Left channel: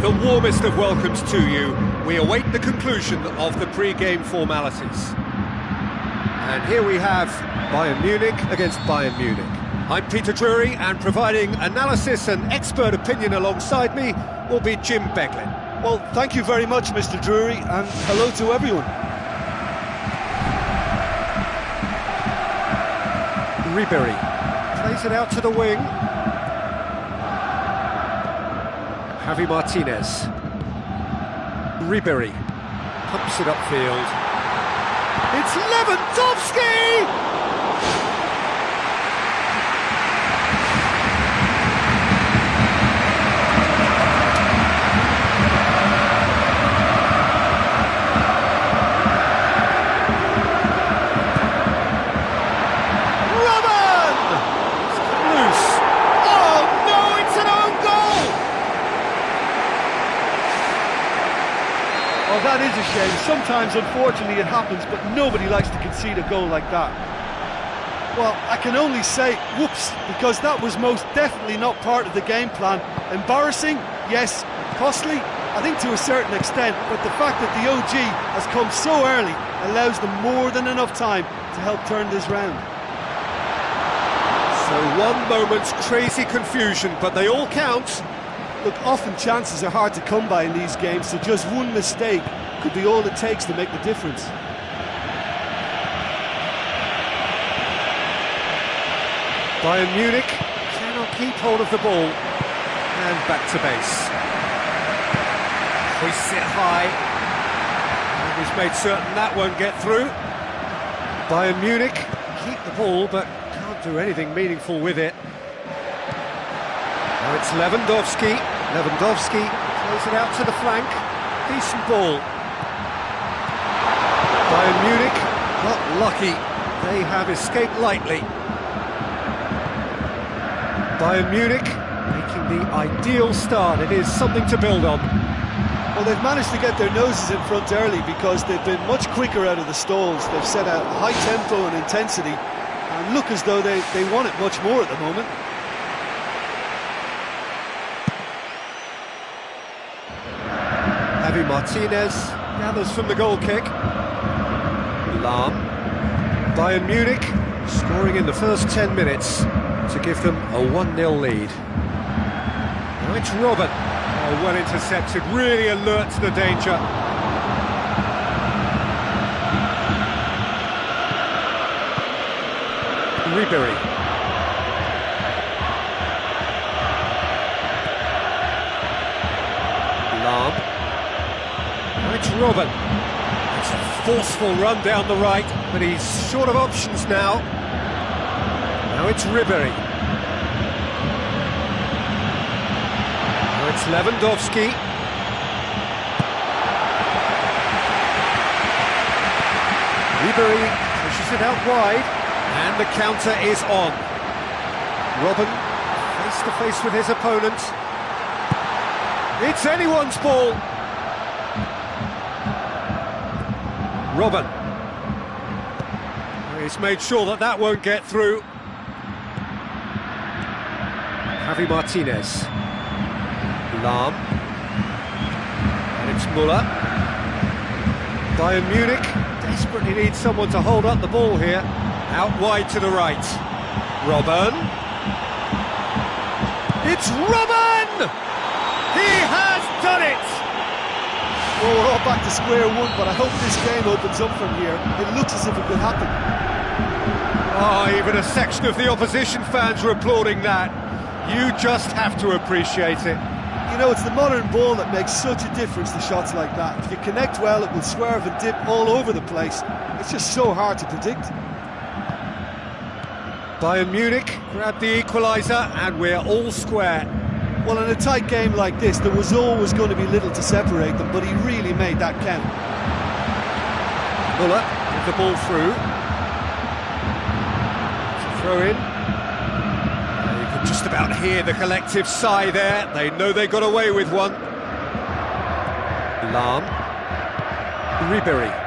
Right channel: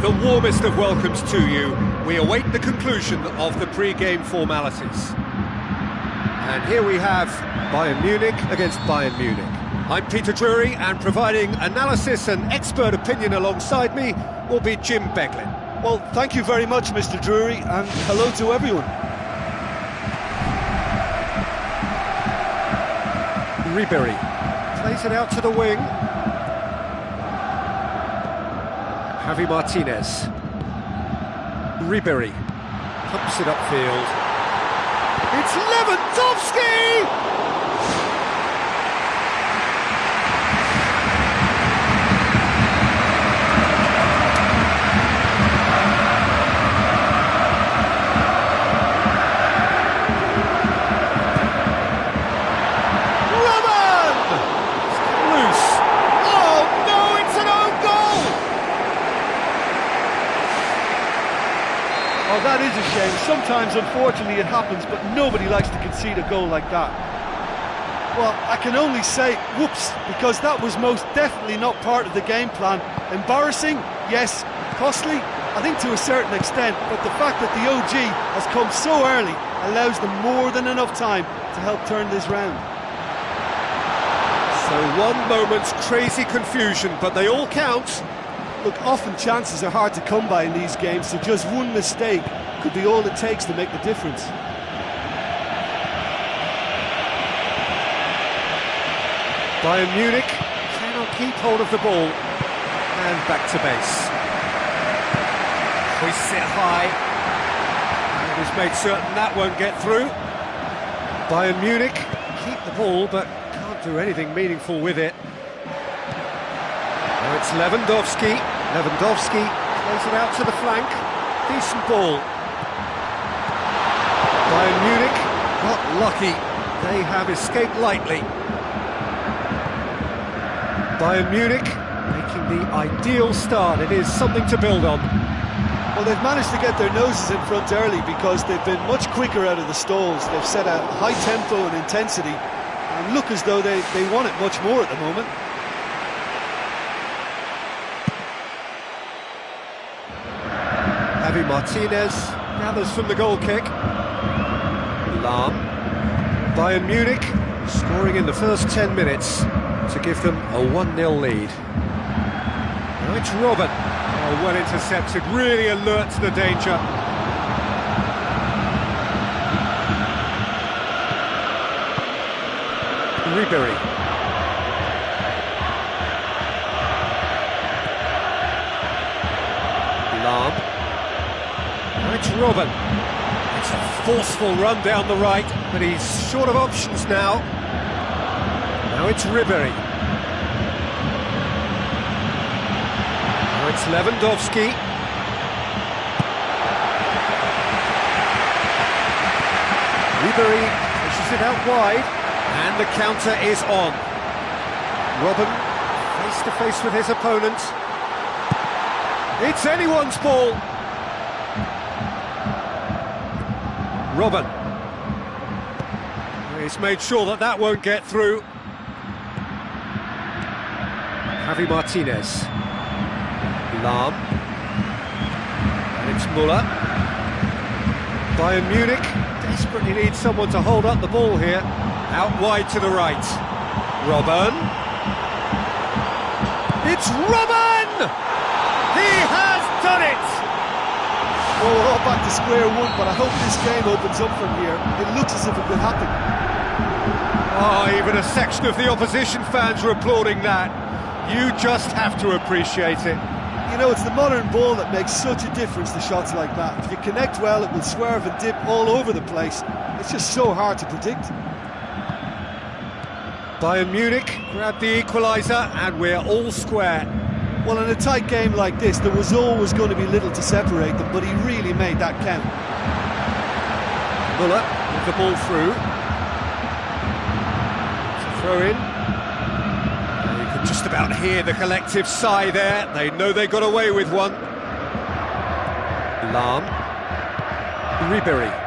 The warmest of welcomes to you. We await the conclusion of the pre-game formalities. And here we have Bayern Munich against Bayern Munich. I'm Peter Drury, and providing analysis and expert opinion alongside me will be Jim Beglin. Well, thank you very much, Mr. Drury, and hello to everyone. Ribery plays it out to the wing. Javi Martinez. Ribery pumps it upfield. It's Lewandowski! Oh, that is a shame. Sometimes, unfortunately, it happens, but nobody likes to concede a goal like that. Well, I can only say, whoops, because that was most definitely not part of the game plan. Embarrassing, yes. Costly, I think to a certain extent, but the fact that the OG has come so early allows them more than enough time to help turn this round. So one moment's crazy confusion, but they all count. Look, often chances are hard to come by in these games, so just one mistake could be all it takes to make the difference. Bayern Munich cannot keep hold of the ball. And back to base. Hoists it high. And he's made certain that won't get through. Bayern Munich keep the ball, but can't do anything meaningful with it. Now it's Lewandowski. Lewandowski plays it out to the flank. Decent ball. Bayern Munich got lucky. They have escaped lightly. Bayern Munich making the ideal start. It is something to build on. Well, they've managed to get their noses in front early because they've been much quicker out of the stalls. They've set a high tempo and intensity and look as though they want it much more at the moment. Javi Martinez gathers from the goal kick. Lahm. Bayern Munich scoring in the first 10 minutes to give them a 1-0 lead. Now it's Robben. Oh, well intercepted, really alert to the danger. Ribery. Lahm. Now it's Robben. It's a forceful run down the right, but he's short of options now. Now it's Ribery. Now it's Lewandowski. Ribery pushes it out wide, and the counter is on. Robben face to face with his opponent. It's anyone's ball. Robben. He's made sure that that won't get through. Javi Martinez. Lahm. And it's Müller. Bayern Munich desperately needs someone to hold up the ball here. Out wide to the right. Robben. It's Robben! He has done it! Well, we're all back to square one, but I hope this game opens up from here. It looks as if it could happen. Oh, even a section of the opposition fans are applauding that. You just have to appreciate it. You know, it's the modern ball that makes such a difference to shots like that. If you connect well, it will swerve and dip all over the place. It's just so hard to predict. Bayern Munich grab the equaliser, and we're all square. Well, in a tight game like this, there was always going to be little to separate them, but he really made that count. Muller with the ball through. It's a throw in. You can just about hear the collective sigh there. They know they got away with one. Lahm. Ribery.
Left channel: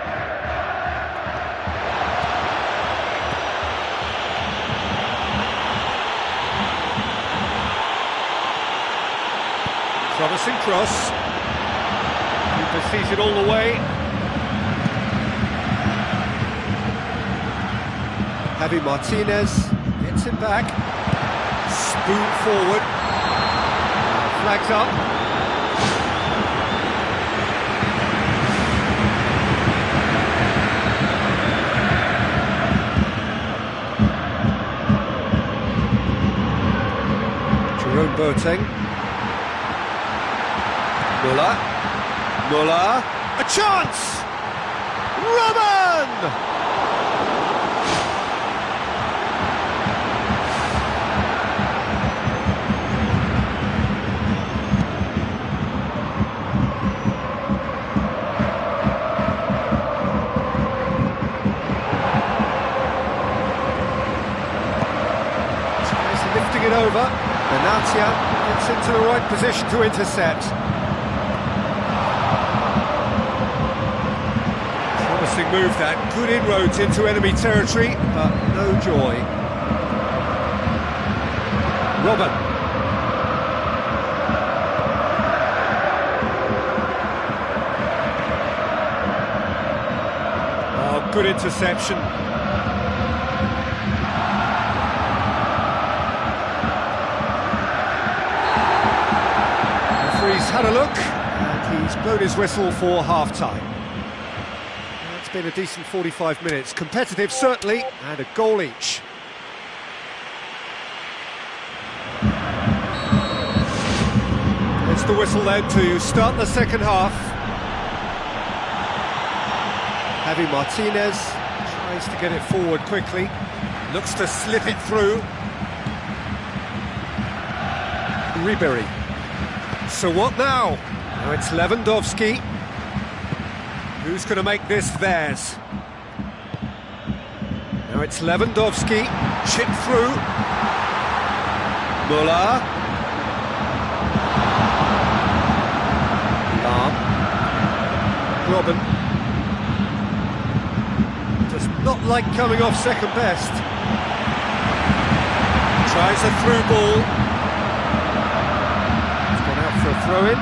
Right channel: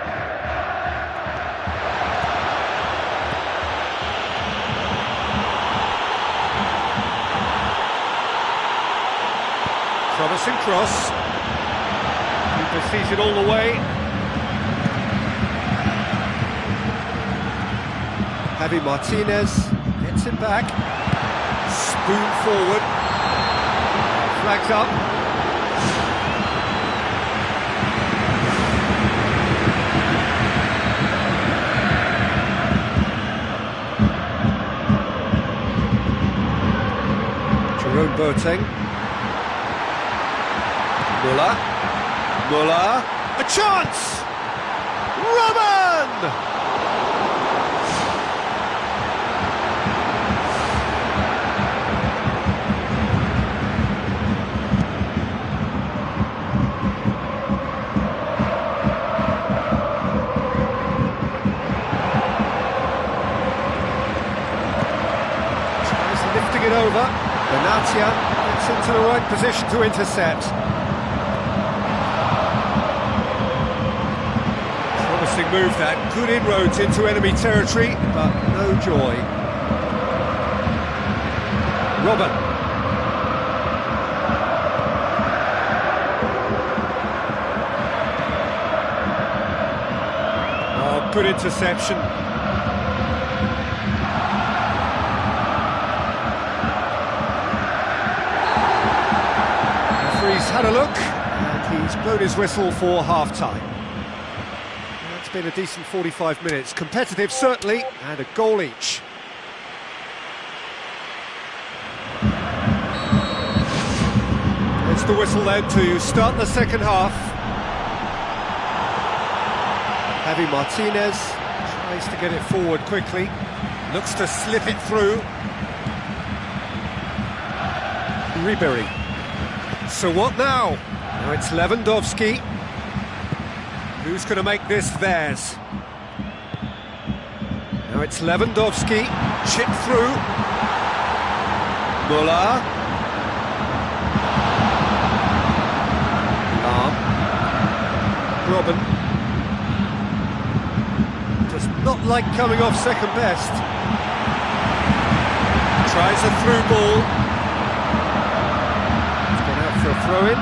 Promising cross. Keeper sees it all the way. Javi Martinez gets it back. Spoon forward. Flags up. Jerome Boateng. Muller, a chance! Robben! Tries lifting it over. Benatia gets into the right position to intercept. Promising move that, good inroads into enemy territory, but no joy. Robben. Oh, good interception. Referee's had a look, and he's blown his whistle for half-time. It's been a decent 45 minutes, competitive certainly, and a goal each. It's the whistle then to start the second half. Javi Martinez tries to get it forward quickly, looks to slip it through. Ribery. So what now? Now it's Lewandowski. Who's going to make this theirs? Now it's Lewandowski, chip through. Muller. Lahm. Robben. Does not like coming off second best. Tries a through ball. He's gone out for a throw-in.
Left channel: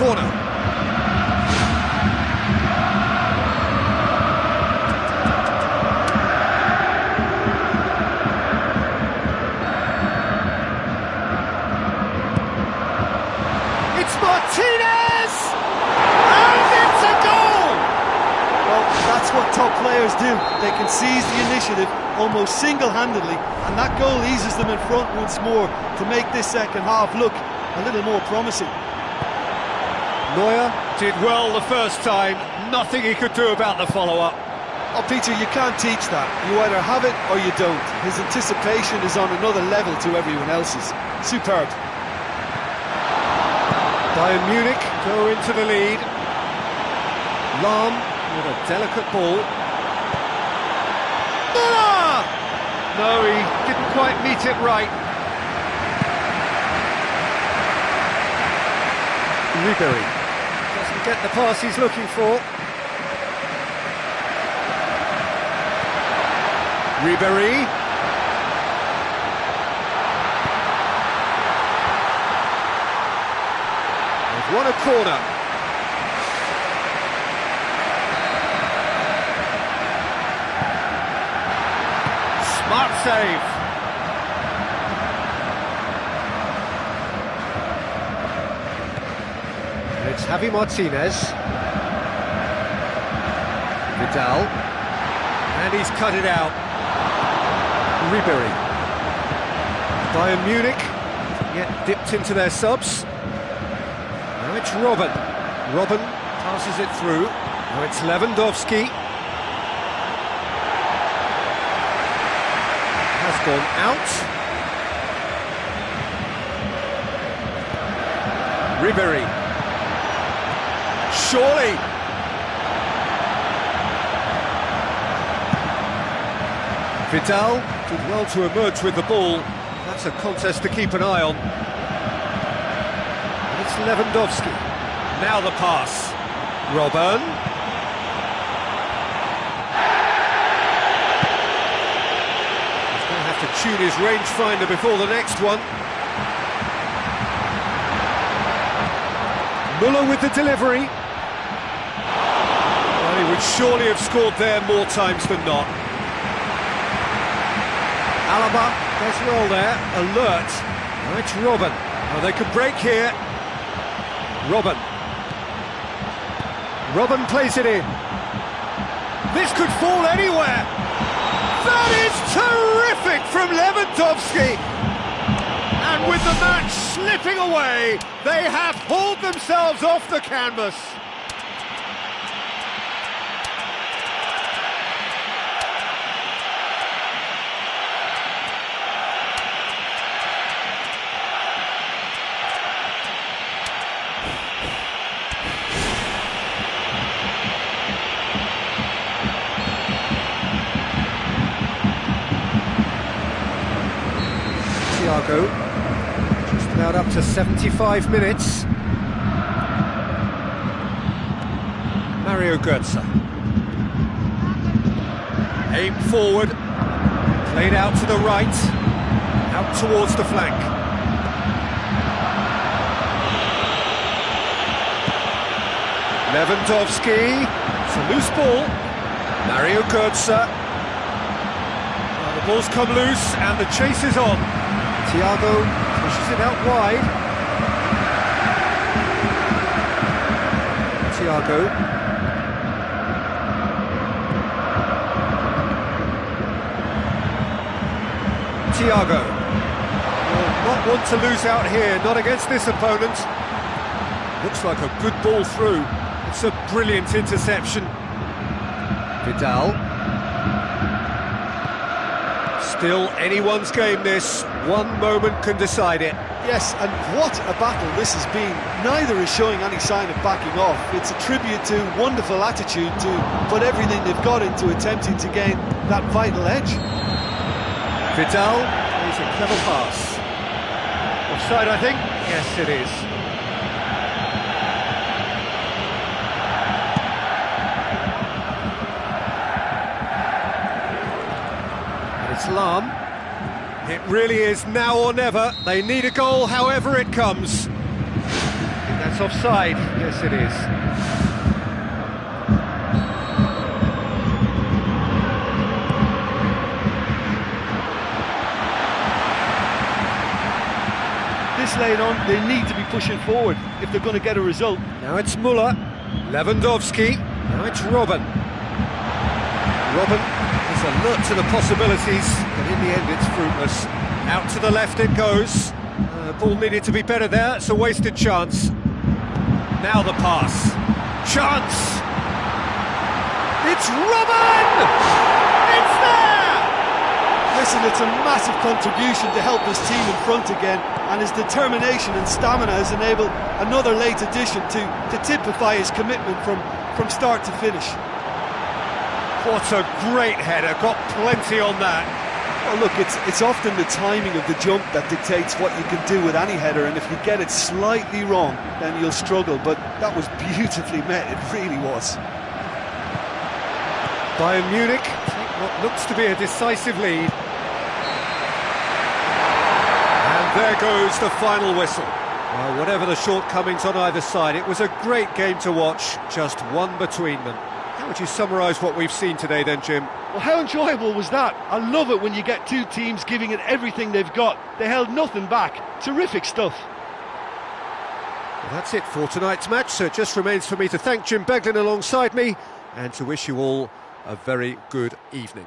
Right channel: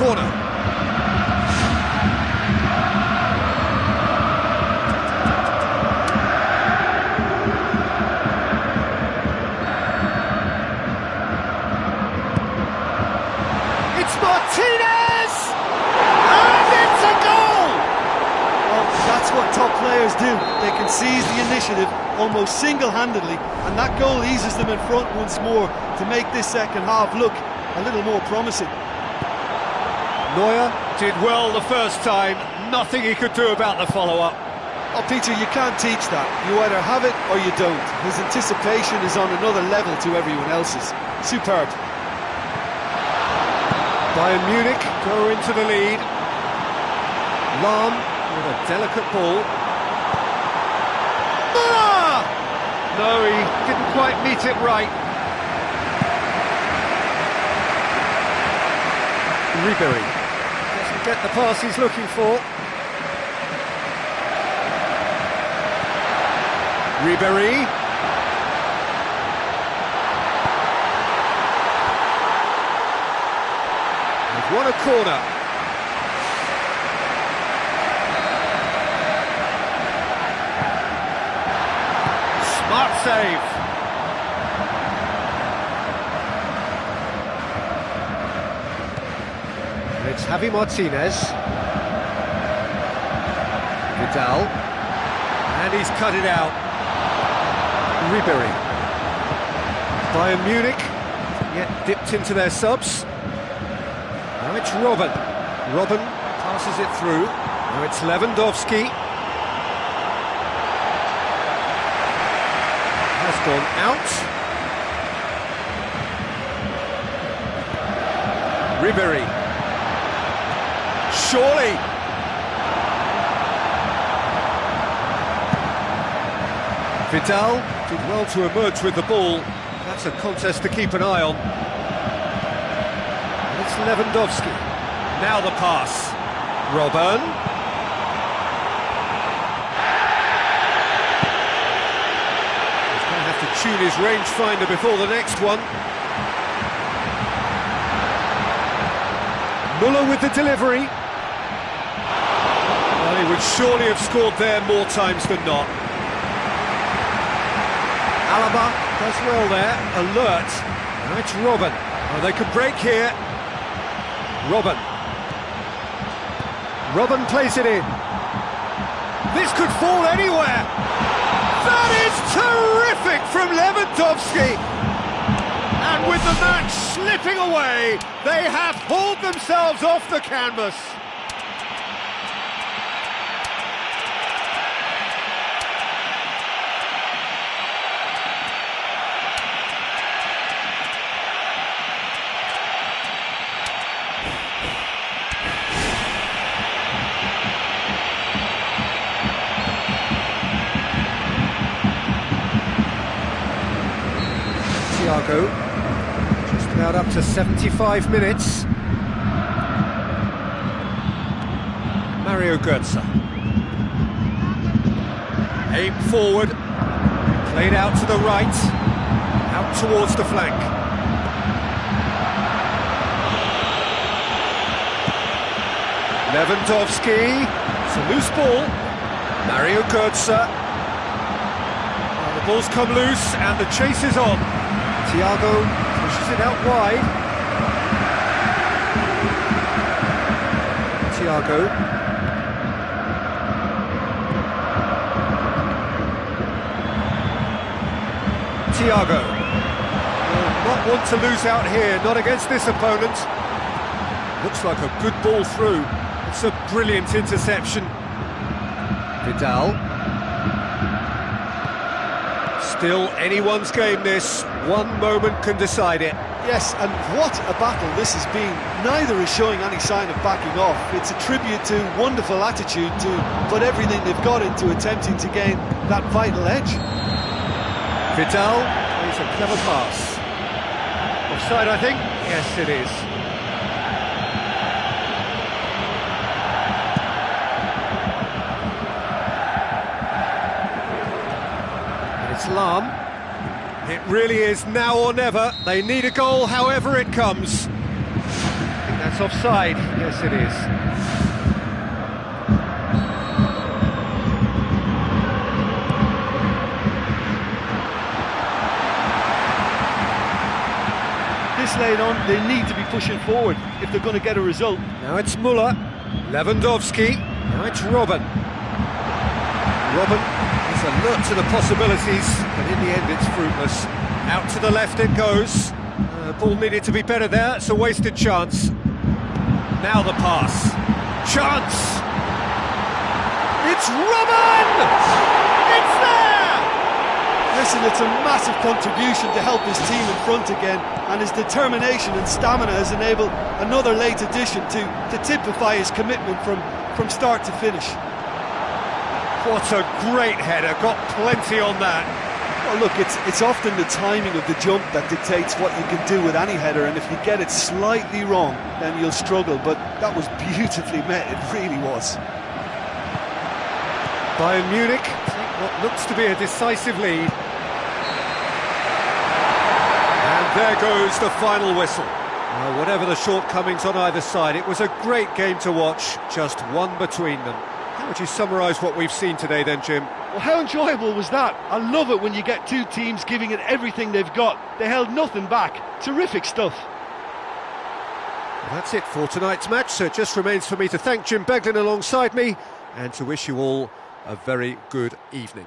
Corner. It's Martinez! And it's a goal! Well, that's what top players do. They can seize the initiative almost single-handedly, and that goal eases them in front once more to make this second half look a little more promising. Neuer did well the first time, nothing he could do about the follow-up. Oh, Peter, you can't teach that. You either have it or you don't. His anticipation is on another level to everyone else's. Superb. Bayern Munich go into the lead. Lahm with a delicate ball. Ah! No, he didn't quite meet it right. Ribery doesn't get the pass he's looking for. Ribery. They've won a corner. Smart save. It's Javi Martinez. Vidal. And he's cut it out. Ribery. Bayern Munich yet dipped into their subs. Now it's Robben. Robben passes it through. Now it's Lewandowski. gone out. Ribery. Surely. Vidal did well to emerge with the ball. That's a contest to keep an eye on. And it's Lewandowski. Now the pass. Robben. He's going to have to tune his rangefinder before the next one. Muller with the delivery. Well, he would surely have scored there more times than not. Alaba does well there, alert. Now it's Robben. Oh, they could break here. Robben. Robben plays it in. This could fall anywhere. That is terrific from Lewandowski. And with the match slipping away, they have pulled themselves off the canvas. Thiago, just about up to 75 minutes. Mario Götze. Aim forward, played out to the right, out towards the flank. Lewandowski, it's a loose ball. Mario Götze. Well, the ball's come loose and the chase is on. Thiago pushes it out wide. Thiago. Thiago. Will not want to lose out here, not against this opponent. Looks like a good ball through. It's a brilliant interception. Vidal. Still anyone's game this. One moment can decide it. Yes, and what a battle this has been. Neither is showing any sign of backing off. It's a tribute to wonderful attitude to put everything they've got into attempting to gain that vital edge. Vidal plays a clever pass. Offside, I think? Yes, it is. And it's Lahm. It really is now or never. They need a goal however it comes. I think that's offside. Yes, it is. This late on, they need to be pushing forward if they're going to get a result. Now it's Muller. Lewandowski. Now it's Robben. Robben is alert to the possibilities, but in the end it's fruitless. Out to the left it goes. Ball needed to be better there, it's a wasted chance. Now the pass. Chance! It's Robben! It's there! Listen, it's a massive contribution to help his team in front again, and his determination and stamina has enabled another late addition to typify his commitment from start to finish. What a great header, got plenty on that. Well, look, it's often the timing of the jump that dictates what you can do with any header, and if you get it slightly wrong, then you'll struggle, but that was beautifully met, it really was. Bayern Munich take what looks to be a decisive lead. And there goes the final whistle. Well, whatever the shortcomings on either side, it was a great game to watch, just one between them. How would you summarise what we've seen today then, Jim? Well, how enjoyable was that? I love it when you get two teams giving it everything they've got. They held nothing back. Terrific stuff. Well, that's it for tonight's match, so it just remains for me to thank Jim Beglin alongside me and to wish you all a very good evening.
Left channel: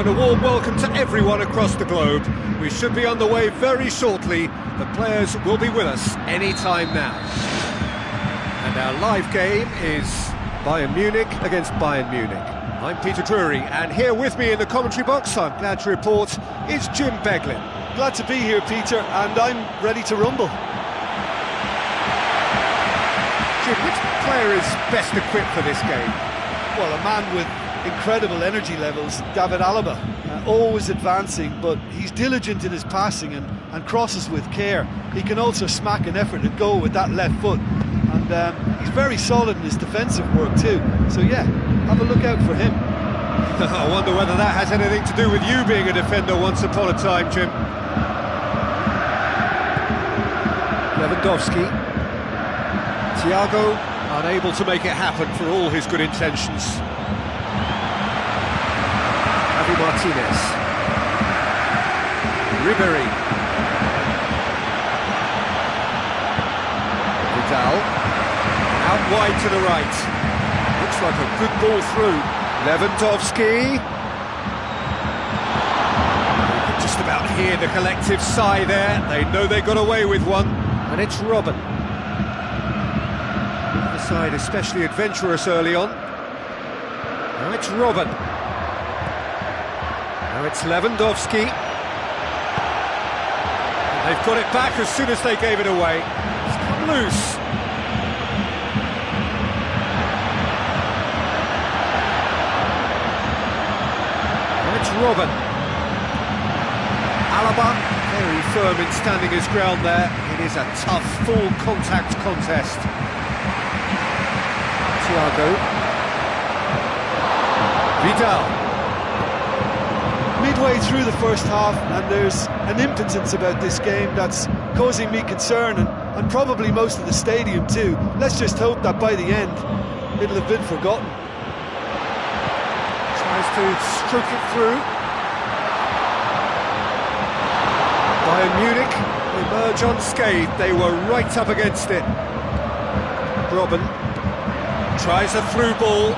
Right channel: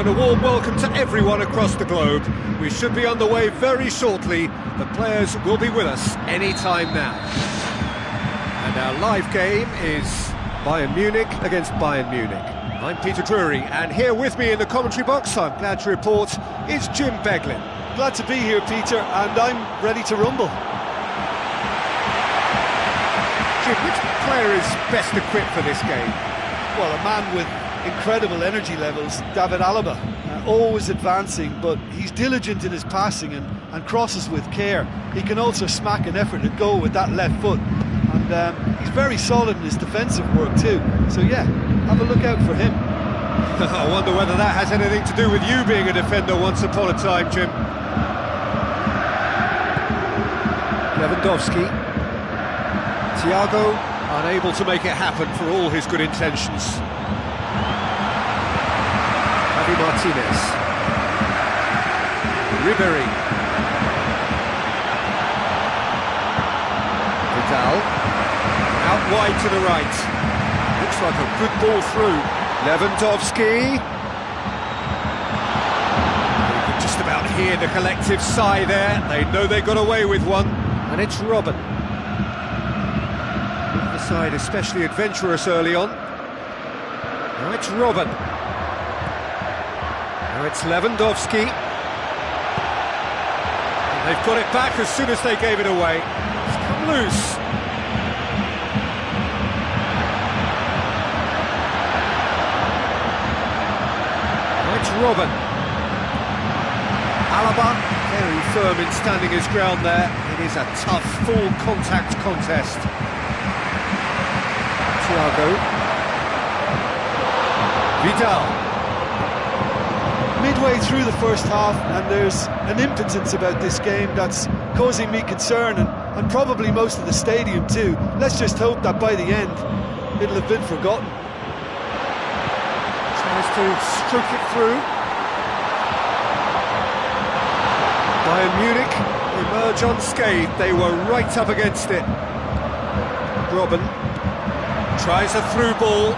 and a warm welcome to everyone across the globe. We should be on the way very shortly. The players will be with us any time now. And our live game is Bayern Munich against Bayern Munich. I'm Peter Drury, and here with me in the commentary box, I'm glad to report, is Jim Beglin. Glad to be here, Peter, and I'm ready to rumble. Jim, which player is best equipped for this game? Well, a man with incredible energy levels, David Alaba, always advancing, but he's diligent in his passing and crosses with care. He can also smack an effort at goal with that left foot, and he's very solid in his defensive work too. So yeah, have a look out for him. I wonder whether that has anything to do with you being a defender once upon a time, Jim. Lewandowski. Thiago, unable to make it happen for all his good intentions. Javi Martinez. Ribery. Vidal. Out wide to the right. Looks like a good ball through. Lewandowski. You can just about hear the collective sigh there. They know they got away with one. And it's Robben. The side especially adventurous early on. Now it's Robben. Now it's Lewandowski. And they've got it back as soon as they gave it away. It's come loose. Now it's Robben. Alaba, very firm in standing his ground there. It is a tough, full contact contest. Thiago. Vidal. Midway through the first half, and there's an impotence about this game that's causing me concern, and probably most of the stadium too. Let's just hope that by the end it'll have been forgotten. Tries to stroke it through. Bayern Munich emerge unscathed. They were right up against it. Robben tries a through ball.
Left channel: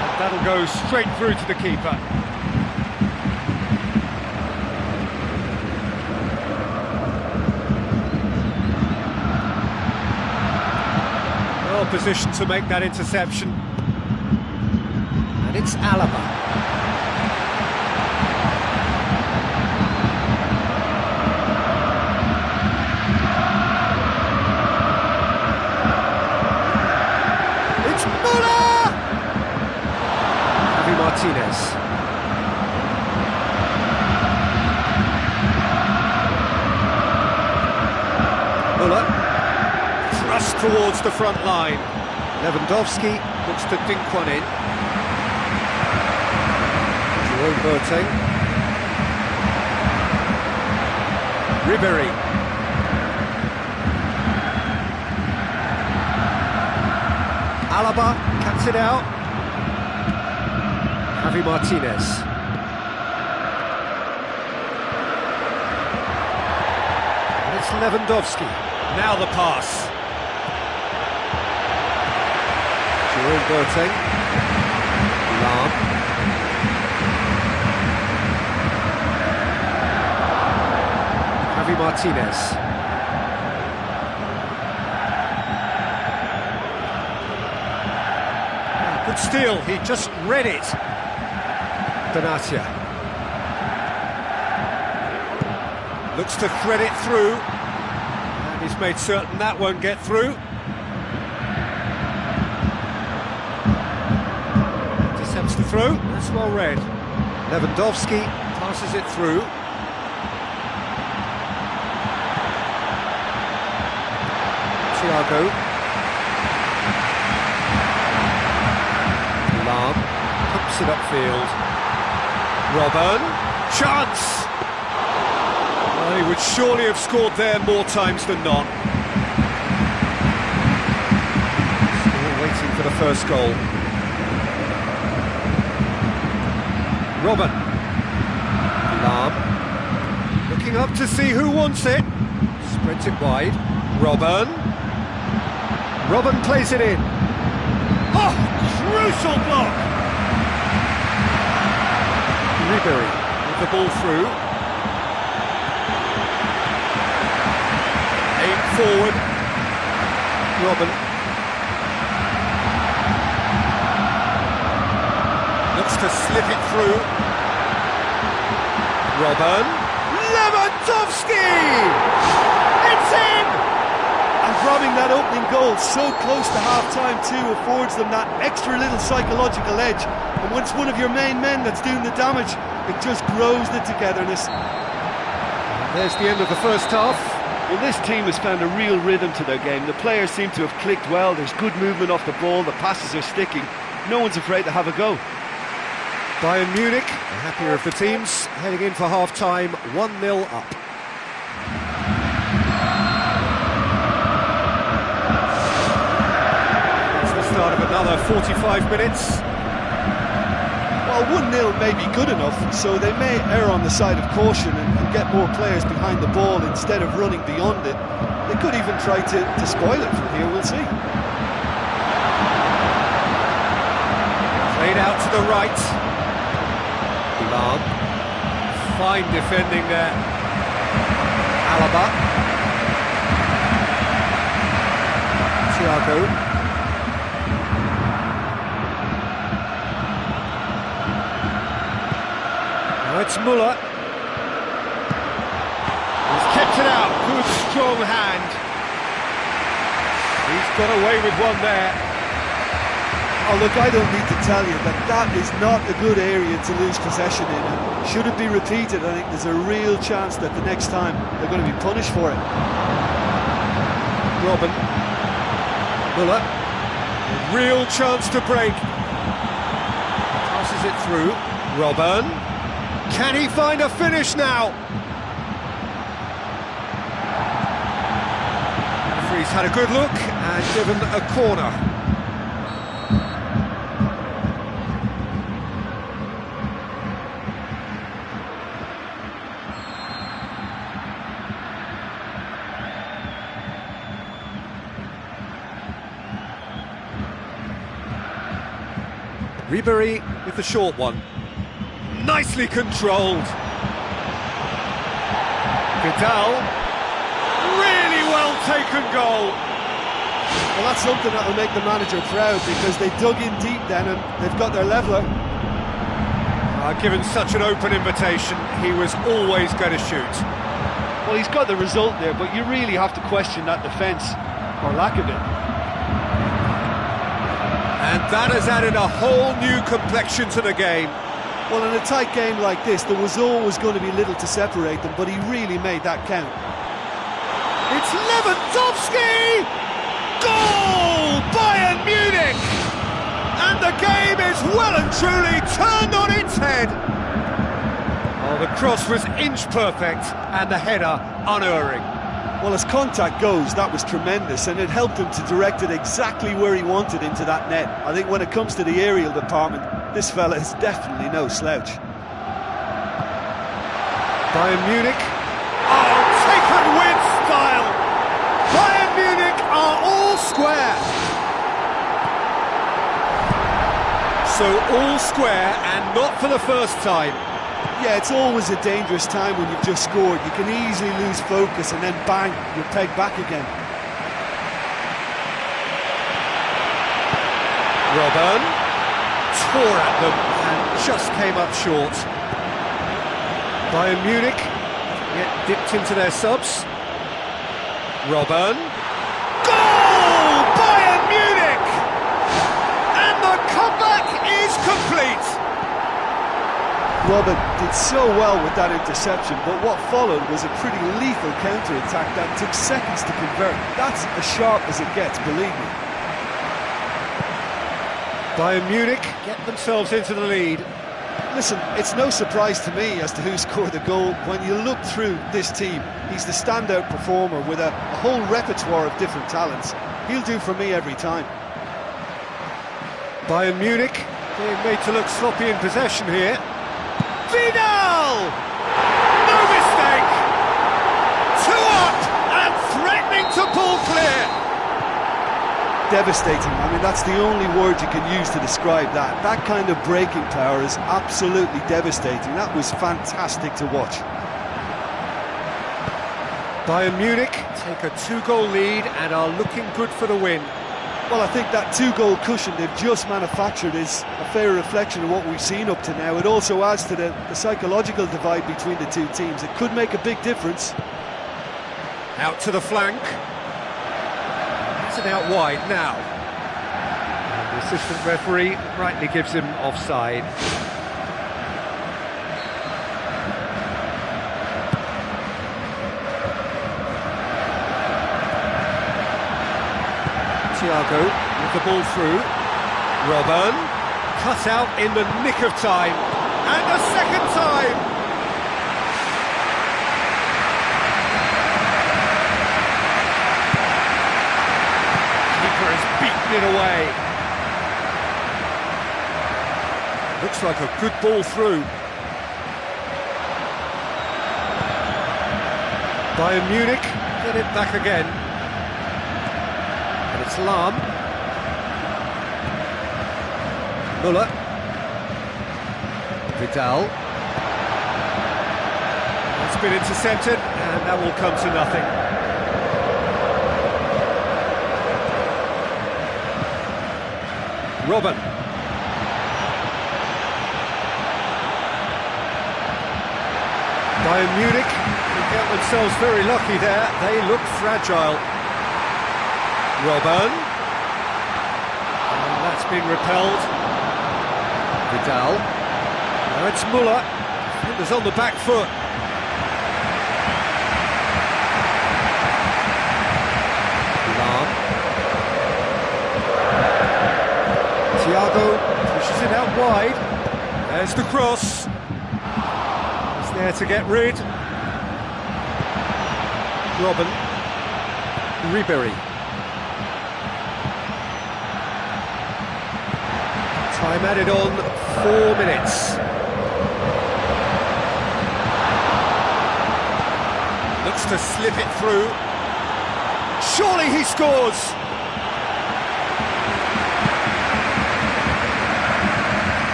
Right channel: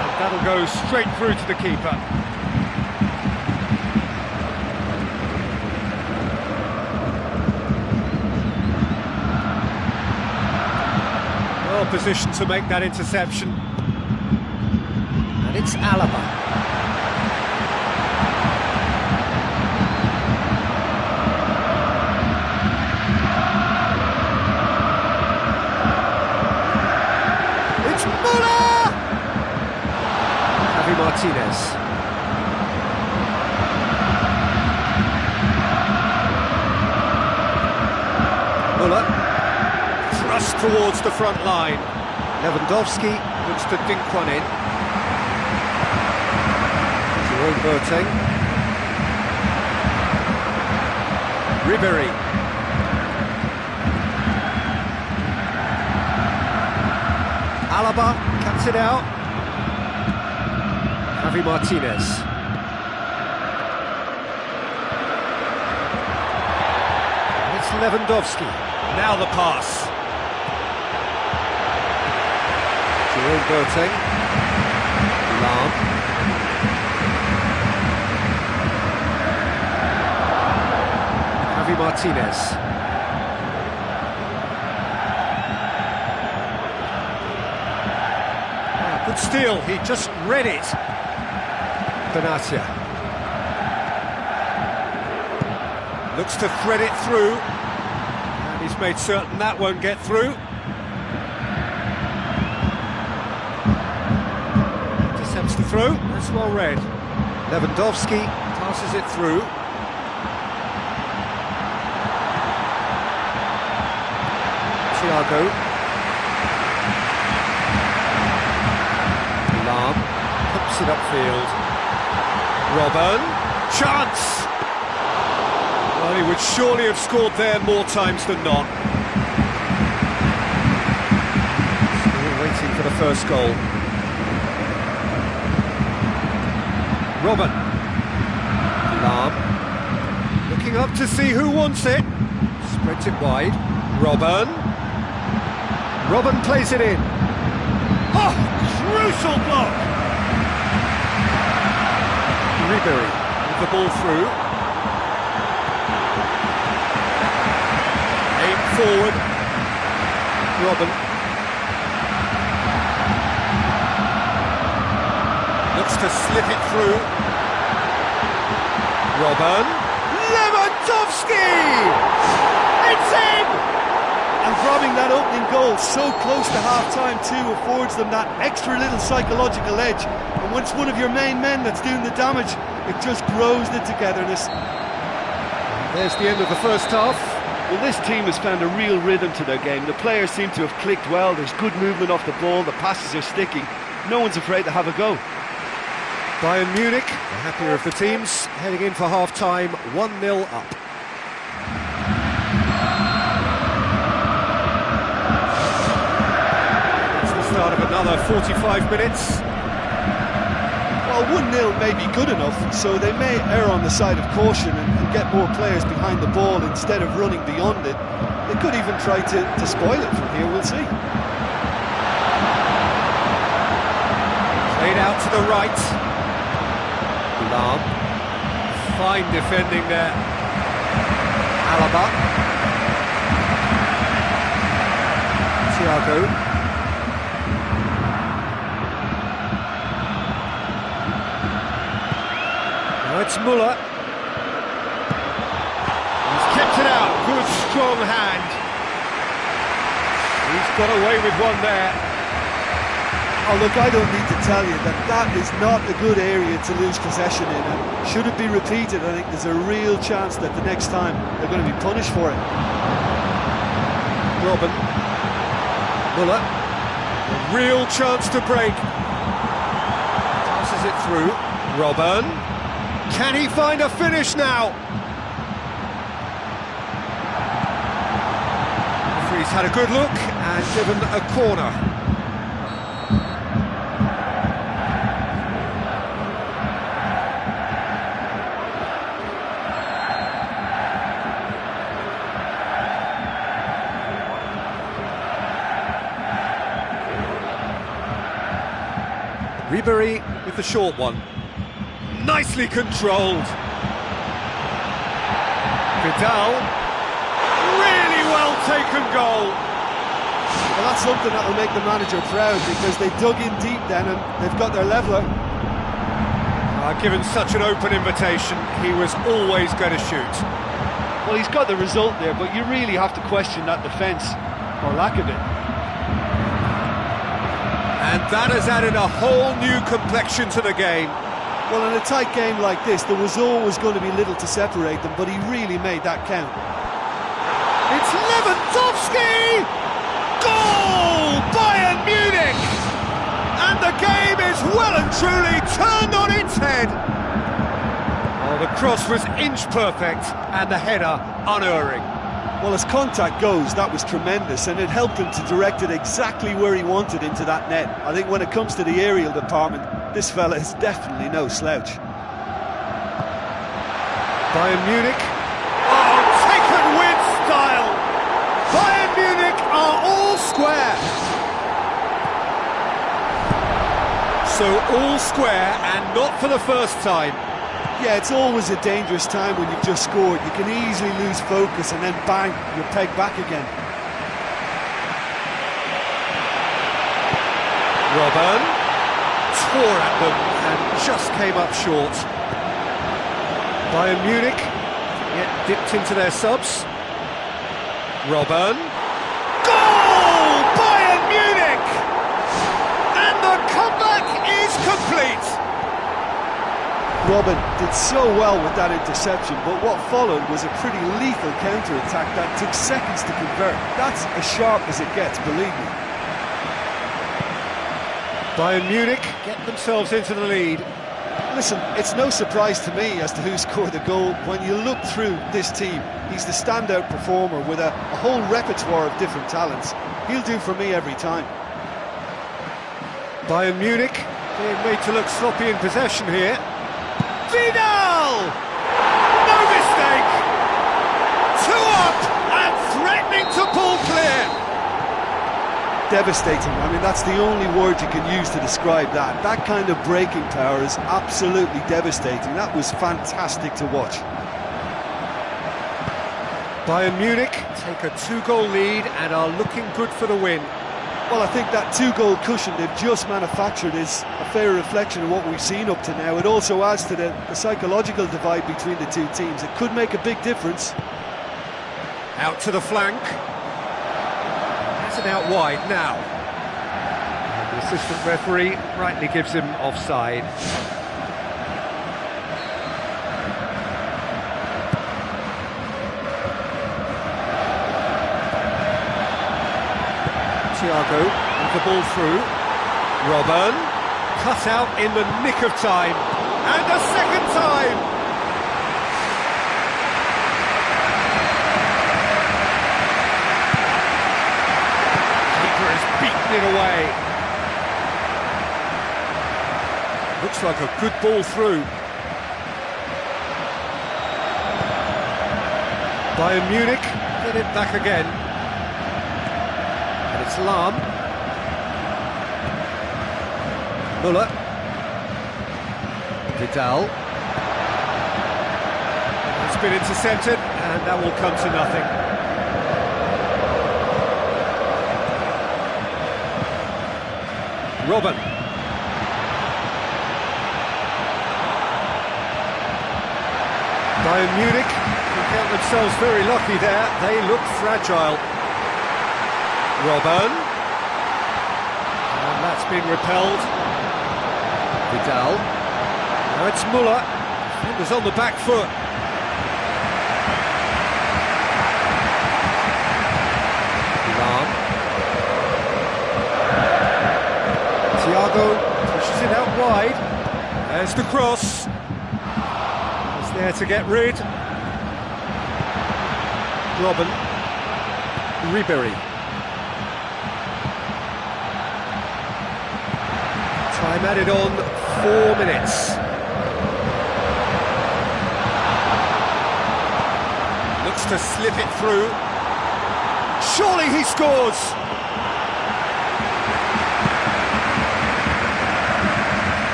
And that'll go straight through to the keeper. Well positioned to make that interception. And it's Alaba. Martinez. Muller. Thrust towards the front line. Lewandowski looks to dink one in. Jerome Boateng. Ribery. Alaba cuts it out. Javi Martinez. And it's Lewandowski. Now the pass. Jerome Boateng. Lahm. Javi Martinez. Good steal, he just read it. Benatia looks to thread it through, and he's made certain that won't get through. Intercepts the throw, that's well read. Lewandowski passes it through. Thiago. Lahm pumps it upfield. Robben, chance! Well, he would surely have scored there more times than not. Still waiting for the first goal. Robben. Lahm. Looking up to see who wants it. Spreads it wide. Robben. Robben plays it in. Oh, Crucial block! Ribery with the ball through. Aim forward. Robben. Looks to slip it through. Robben. Lewandowski! It's in! And grabbing that opening goal so close to half-time too affords them that extra little psychological edge. And when it's one of your main men that's doing the damage, it just grows the togetherness. There's the end of the first half. Well, this team has found a real rhythm to their game. The players seem to have clicked well. There's good movement off the ball. The passes are sticking. No one's afraid to have a go. Bayern Munich, the happier of the teams, heading in for half-time, 1-0 up. It's the start of another 45 minutes. Well, 1-0 may be good enough, so they may err on the side of caution and get more players behind the ball instead of running beyond it. They could even try to spoil it from here, we'll see. Played out to the right. Lam. Fine defending there. Alaba. Thiago. Now it's Müller. He's kept it out. Good strong hand. He's got away with one there. Oh, look, I don't need to tell you that that is not a good area to lose possession in, and should it be repeated, I think there's a real chance that the next time they're going to be punished for it. Robben. Müller. A real chance to break. Passes it through. Robben. Can he find a finish now? Referee's had a good look and given a corner. Ribery with the short one. Nicely controlled. Vidal. Really well taken goal. Well, that's something that will make the manager proud, because they dug in deep then and they've got their leveller. Given such an open invitation, he was always going to shoot. Well, he's got the result there, but you really have to question that defence, or lack of it. And that has added a whole new complexion to the game. Well, in a tight game like this, there was always going to be little to separate them, but he really made that count. It's Lewandowski! Goal! Bayern Munich! And the game is well and truly turned on its head. Oh, the cross was inch perfect and the header unerring. Well, as contact goes, that was tremendous, and it helped him to direct it exactly where he wanted into that net. I think when it comes to the aerial department, this fella is definitely no slouch. Bayern Munich. Oh, taken with style! Bayern Munich are all square. So all square, and not for the first time. Yeah, it's always a dangerous time when you've just scored. You can easily lose focus and then bang, you're pegged back again. Robben tore at them and just came up short. Bayern Munich get dipped into their subs. Robben. Goal! Bayern Munich! And the comeback is complete. Robben did so well with that interception, but what followed was a pretty lethal counter-attack that took seconds to convert. That's as sharp as it gets, believe me. Bayern Munich get themselves into the lead. Listen, it's no surprise to me as to who scored the goal. When you look through this team, he's the standout performer with a whole repertoire of different talents. He'll do for me every time. Bayern Munich being made to look sloppy in possession here. Vidal! No mistake! 2 up and threatening to pull clear. devastating. I mean, that's the only word you can use to describe that. That kind of breaking power is absolutely devastating. That was fantastic to watch. Bayern Munich take a 2-goal lead and are looking good for the win. Well, I think that 2-goal cushion they've just manufactured is a fair reflection of what we've seen up to now. It also adds to the psychological divide between the two teams. It could make a big difference. Out to the flank. Has it out wide now. And the assistant referee rightly gives him offside. Thiago with the ball through. Robben cut out in the nick of time. And a second time! Keeper has beaten it away. Looks like a good ball through. Bayern Munich get it back again. And it's Lahm. Müller. Vidal. It's been intercepted, and that will come to nothing. Robben. Bayern Munich can count themselves very lucky there. They look fragile. Robben. And that's been repelled. Vidal. Now it's Müller. Defenders on the back foot. Lahm. Thiago pushes it out wide. There's the cross. It's there to get rid. Robben. Ribery. Time added on 4 minutes. Looks to slip it through. Surely he scores!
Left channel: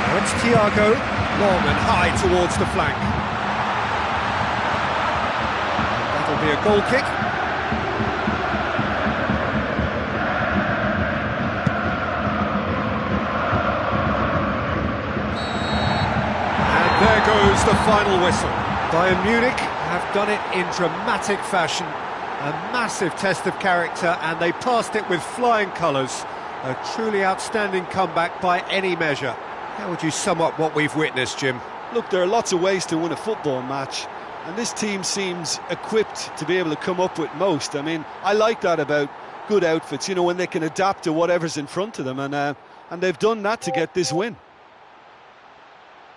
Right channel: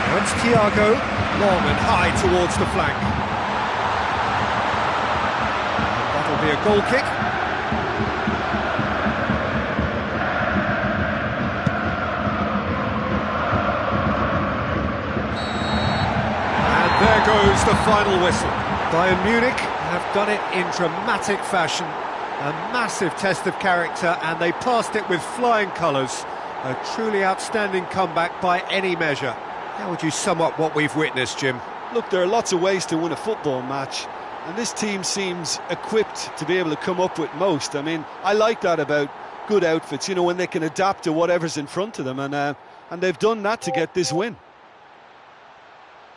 Now it's Thiago, long and high towards the flank. And that'll be a goal kick. There goes the final whistle. Bayern Munich have done it in dramatic fashion. A massive test of character, and they passed it with flying colours. A truly outstanding comeback by any measure. How would you sum up what we've witnessed, Jim? Look, there are lots of ways to win a football match, and this team seems equipped to be able to come up with most. I mean, I like that about good outfits, you know, when they can adapt to whatever's in front of them, and they've done that to get this win.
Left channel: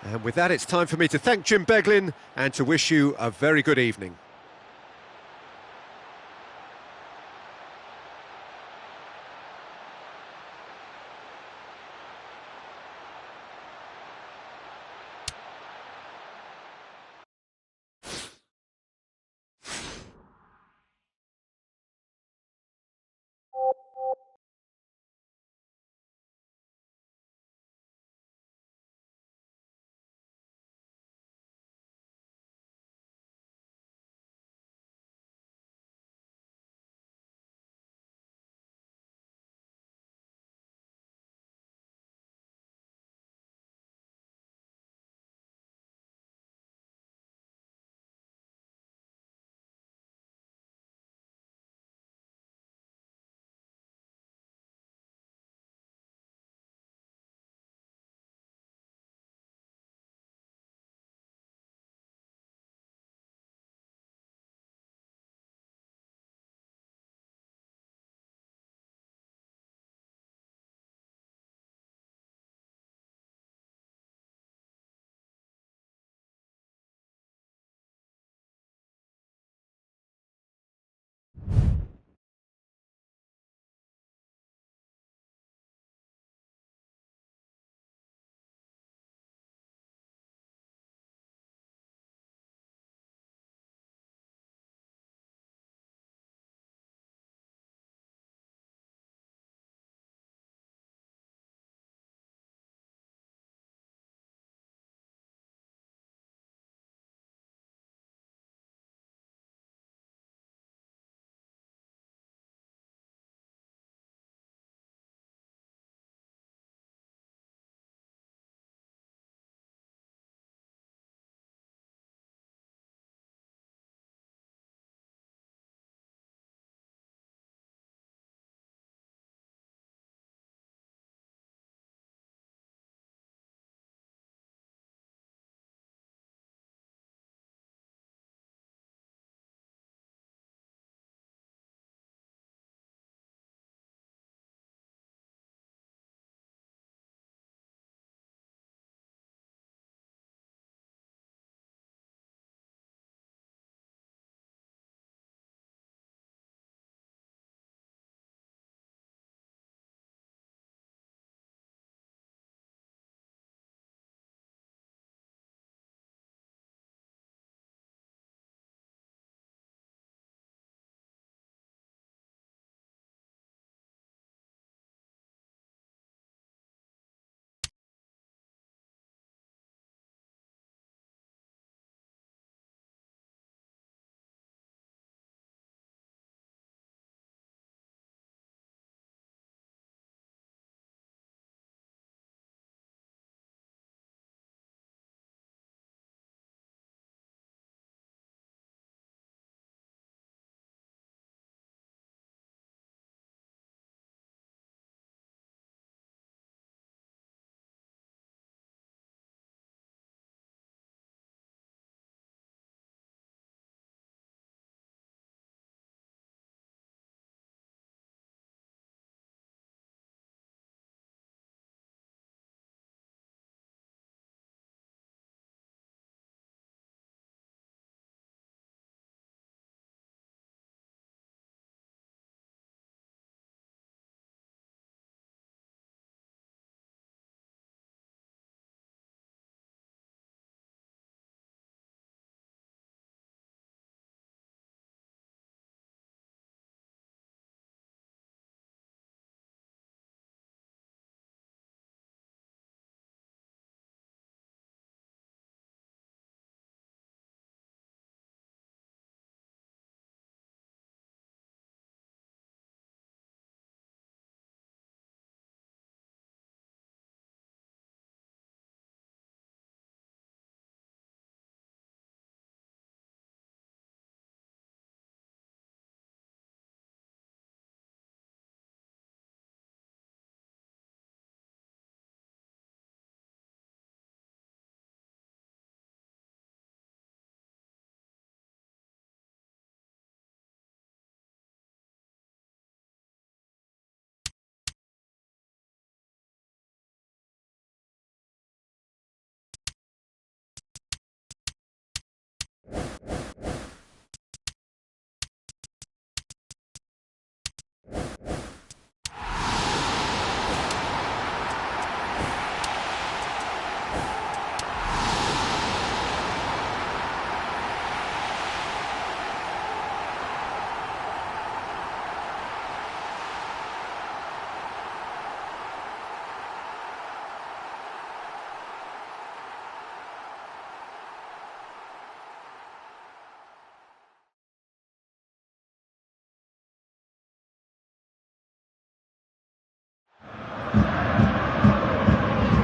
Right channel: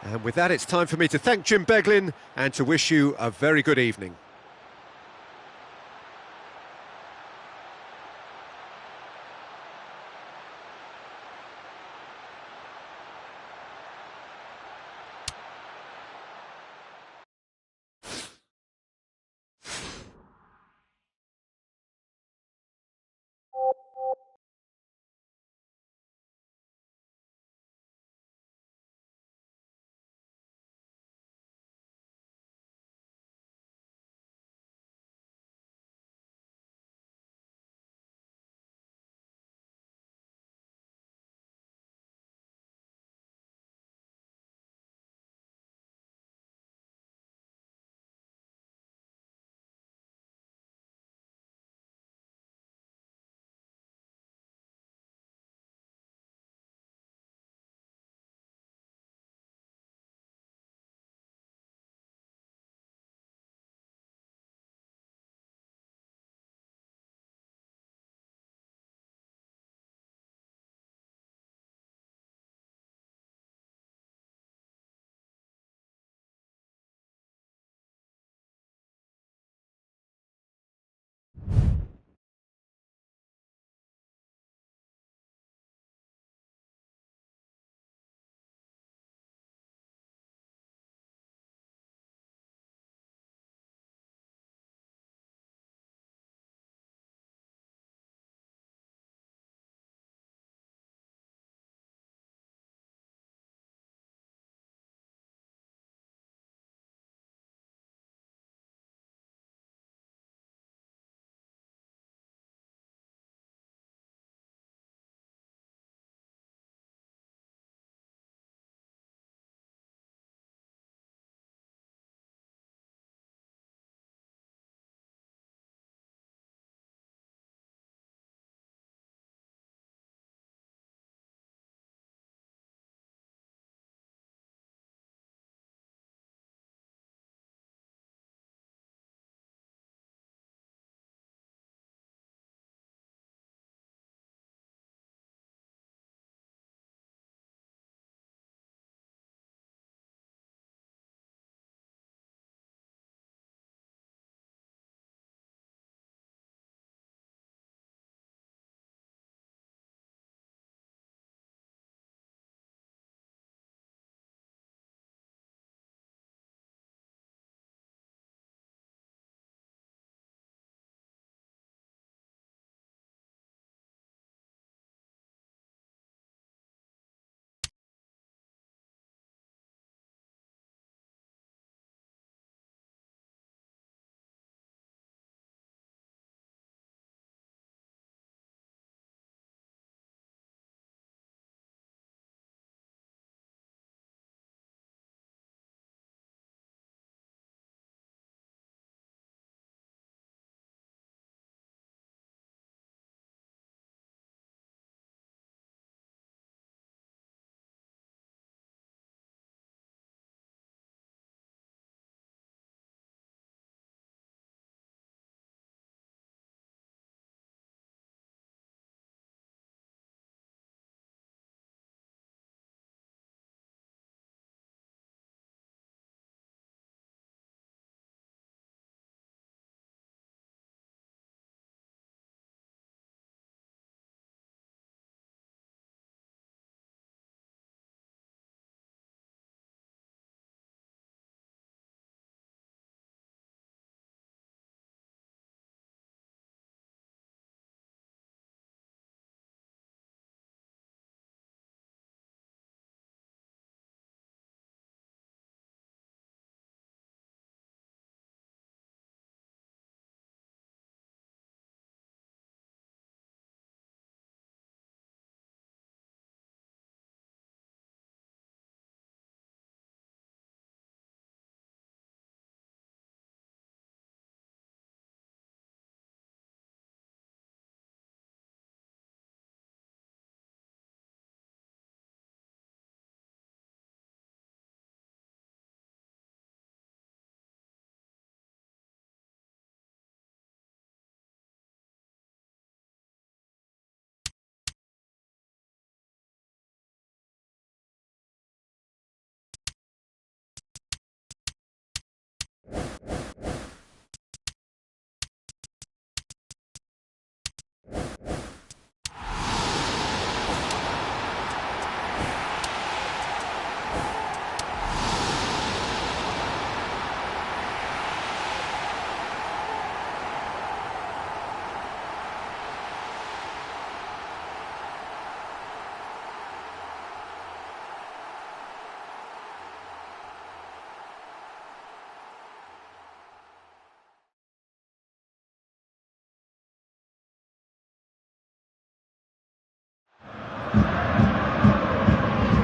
And with that, it's time for me to thank Jim Beglin and to wish you a very good evening.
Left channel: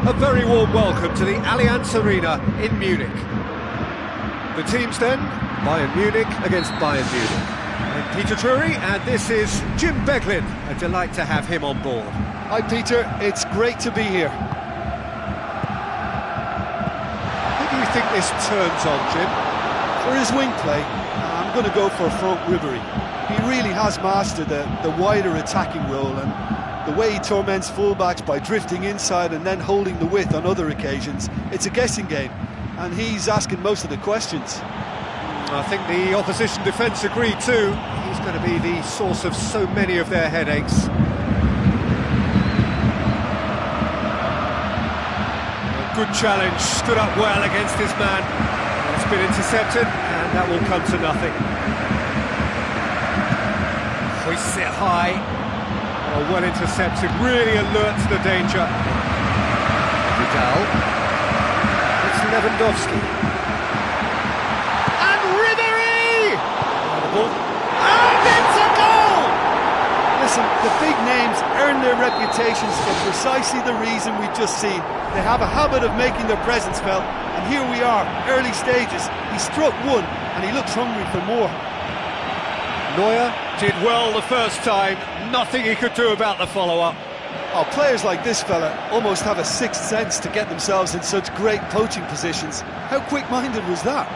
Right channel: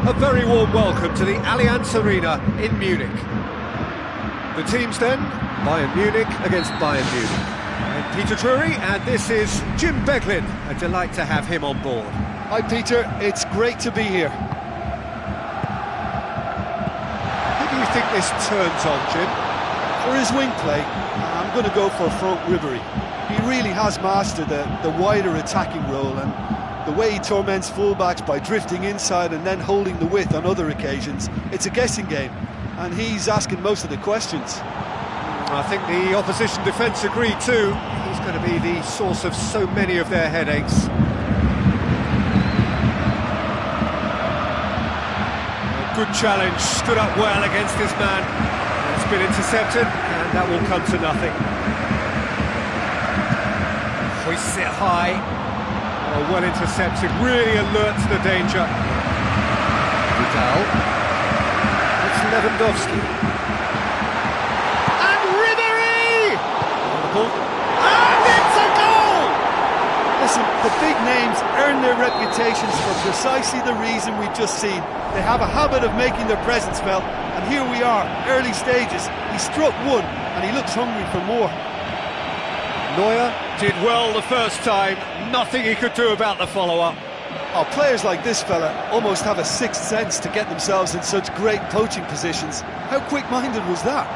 A very warm welcome to the Allianz Arena in Munich. The teams then, Bayern Munich against Bayern Munich. I'm Peter Drury, and this is Jim Beglin. A delight to have him on board. Hi Peter, it's great to be here. Who do you think this turns on, Jim? For his wing play, I'm going to go for Franck Ribéry. He really has mastered the wider attacking role, and the way he torments fullbacks by drifting inside and then holding the width on other occasions. It's a guessing game, and he's asking most of the questions. I think the opposition defence agreed too. He's going to be the source of so many of their headaches. A good challenge, stood up well against his man. It's been intercepted, and that will come to nothing. Hoists it high. Oh, well intercepted, really alert to the danger. Vidal. It's Lewandowski. And Ribéry! The ball. And it's a goal! Listen, the big names earn their reputations for precisely the reason we've just seen. They have a habit of making their presence felt, and here we are, early stages. He struck one, and he looks hungry for more. Neuer did well the first time, nothing he could do about the follow-up. Oh, players like this fella almost have a sixth sense to get themselves in such great poaching positions. How quick-minded was that?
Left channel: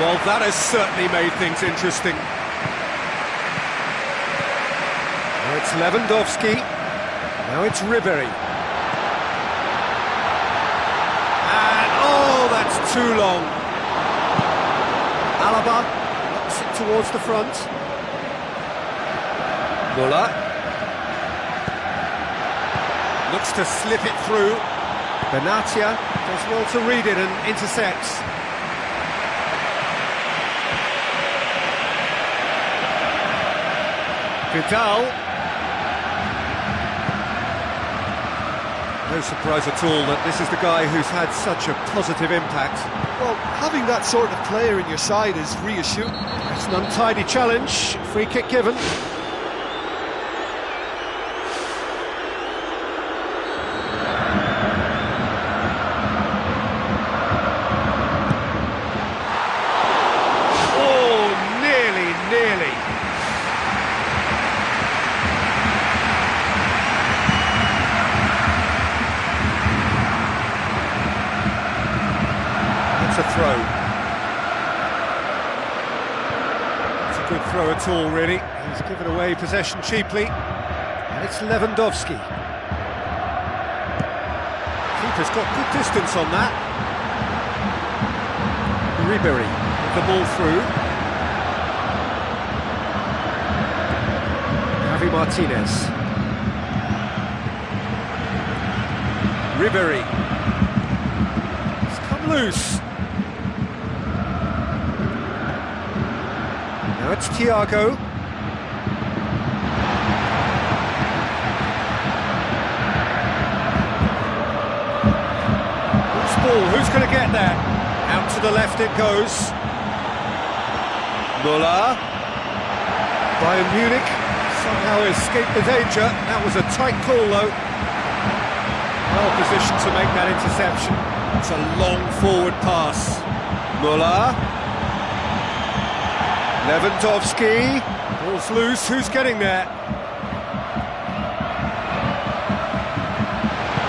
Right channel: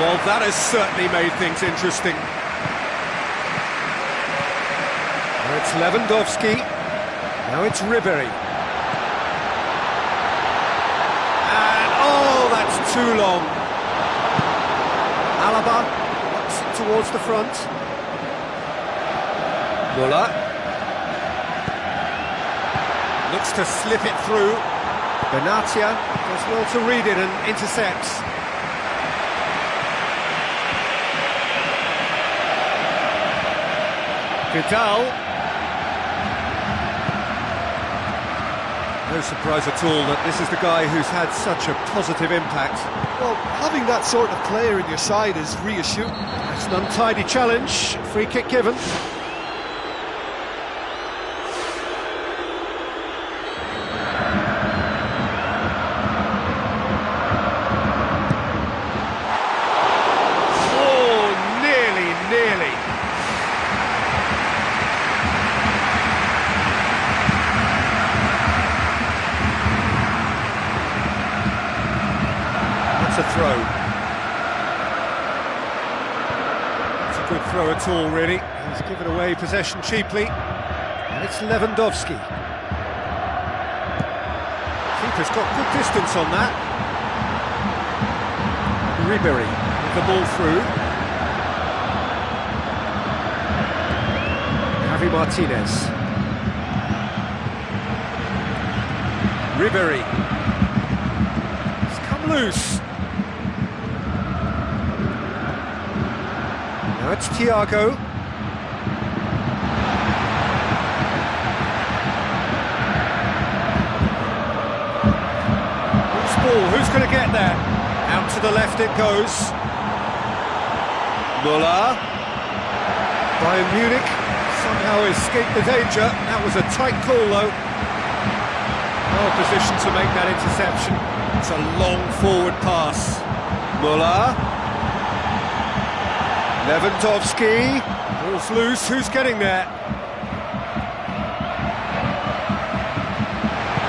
Well, that has certainly made things interesting. Now it's Lewandowski, now it's Ribéry. And, oh, that's too long. Alaba towards the front. Muller looks to slip it through. Benatia does well to read it and intercepts. Vidal. No surprise at all that this is the guy who's had such a positive impact. Well, having that sort of player in your side is reassuring. It's an untidy challenge, free kick given. Oh, nearly. It's a throw. Good throw at all, really. He's given away possession cheaply. And it's Lewandowski. Keeper's got good distance on that. Ribéry with the ball through. Javi Martinez. Ribéry. He's come loose. Now it's Thiago. Who's ball? Who's going to get there? Out to the left it goes. Muller. Bayern Munich somehow escaped the danger. That was a tight call though. Well positioned to make that interception. It's a long forward pass. Muller. Lewandowski, ball's loose, who's getting there?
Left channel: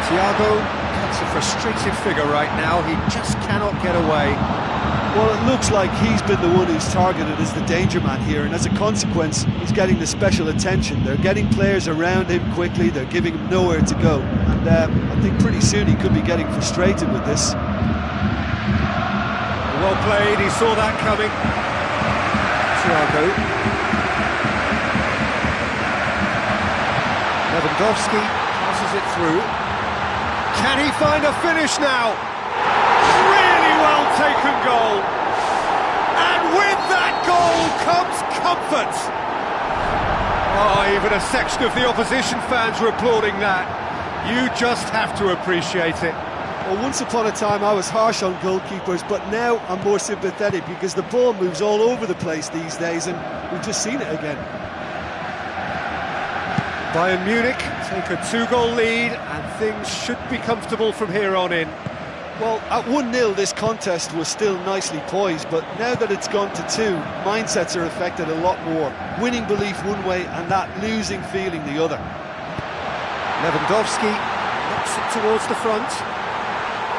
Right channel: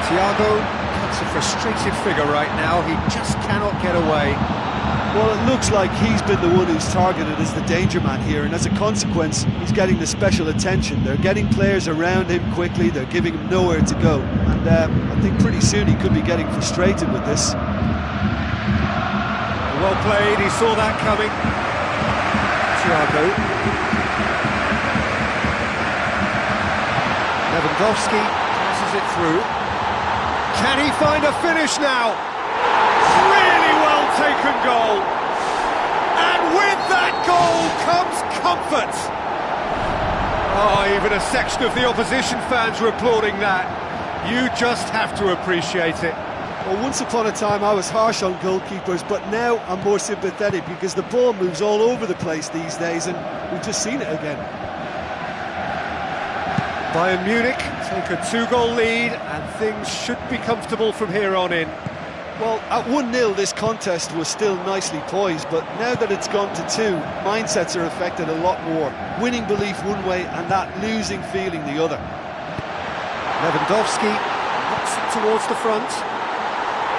Thiago cuts a frustrated figure right now, he just cannot get away. Well, it looks like he's been the one who's targeted as the danger man here, and as a consequence, he's getting the special attention. They're getting players around him quickly, they're giving him nowhere to go, and I think pretty soon he could be getting frustrated with this. Well played, he saw that coming. Thiago. Lewandowski passes it through. Can he find a finish now? Really well taken goal. And with that goal comes comfort. Oh, even a section of the opposition fans were applauding that. You just have to appreciate it. Well, once upon a time I was harsh on goalkeepers, but now I'm more sympathetic because the ball moves all over the place these days, and we've just seen it again. Bayern Munich take a 2-goal lead, and things should be comfortable from here on in. Well, at 1-0 this contest was still nicely poised, but now that it's gone to 2, mindsets are affected a lot more. Winning belief one way and that losing feeling the other. Lewandowski knocks it towards the front.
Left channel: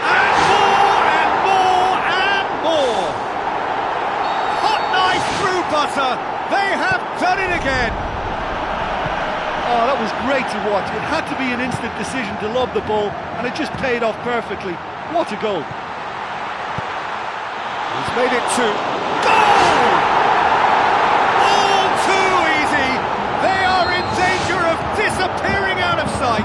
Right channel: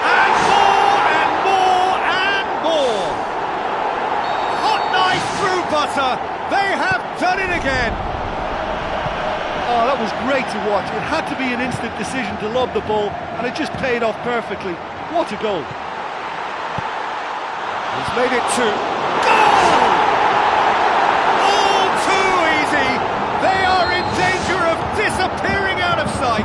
And more and more and more! Hot knife through butter! They have done it again! Oh, that was great to watch. It had to be an instant decision to lob the ball, and it just paid off perfectly. What a goal! He's made it 2. Goal! All too easy! They are in danger of disappearing out of sight!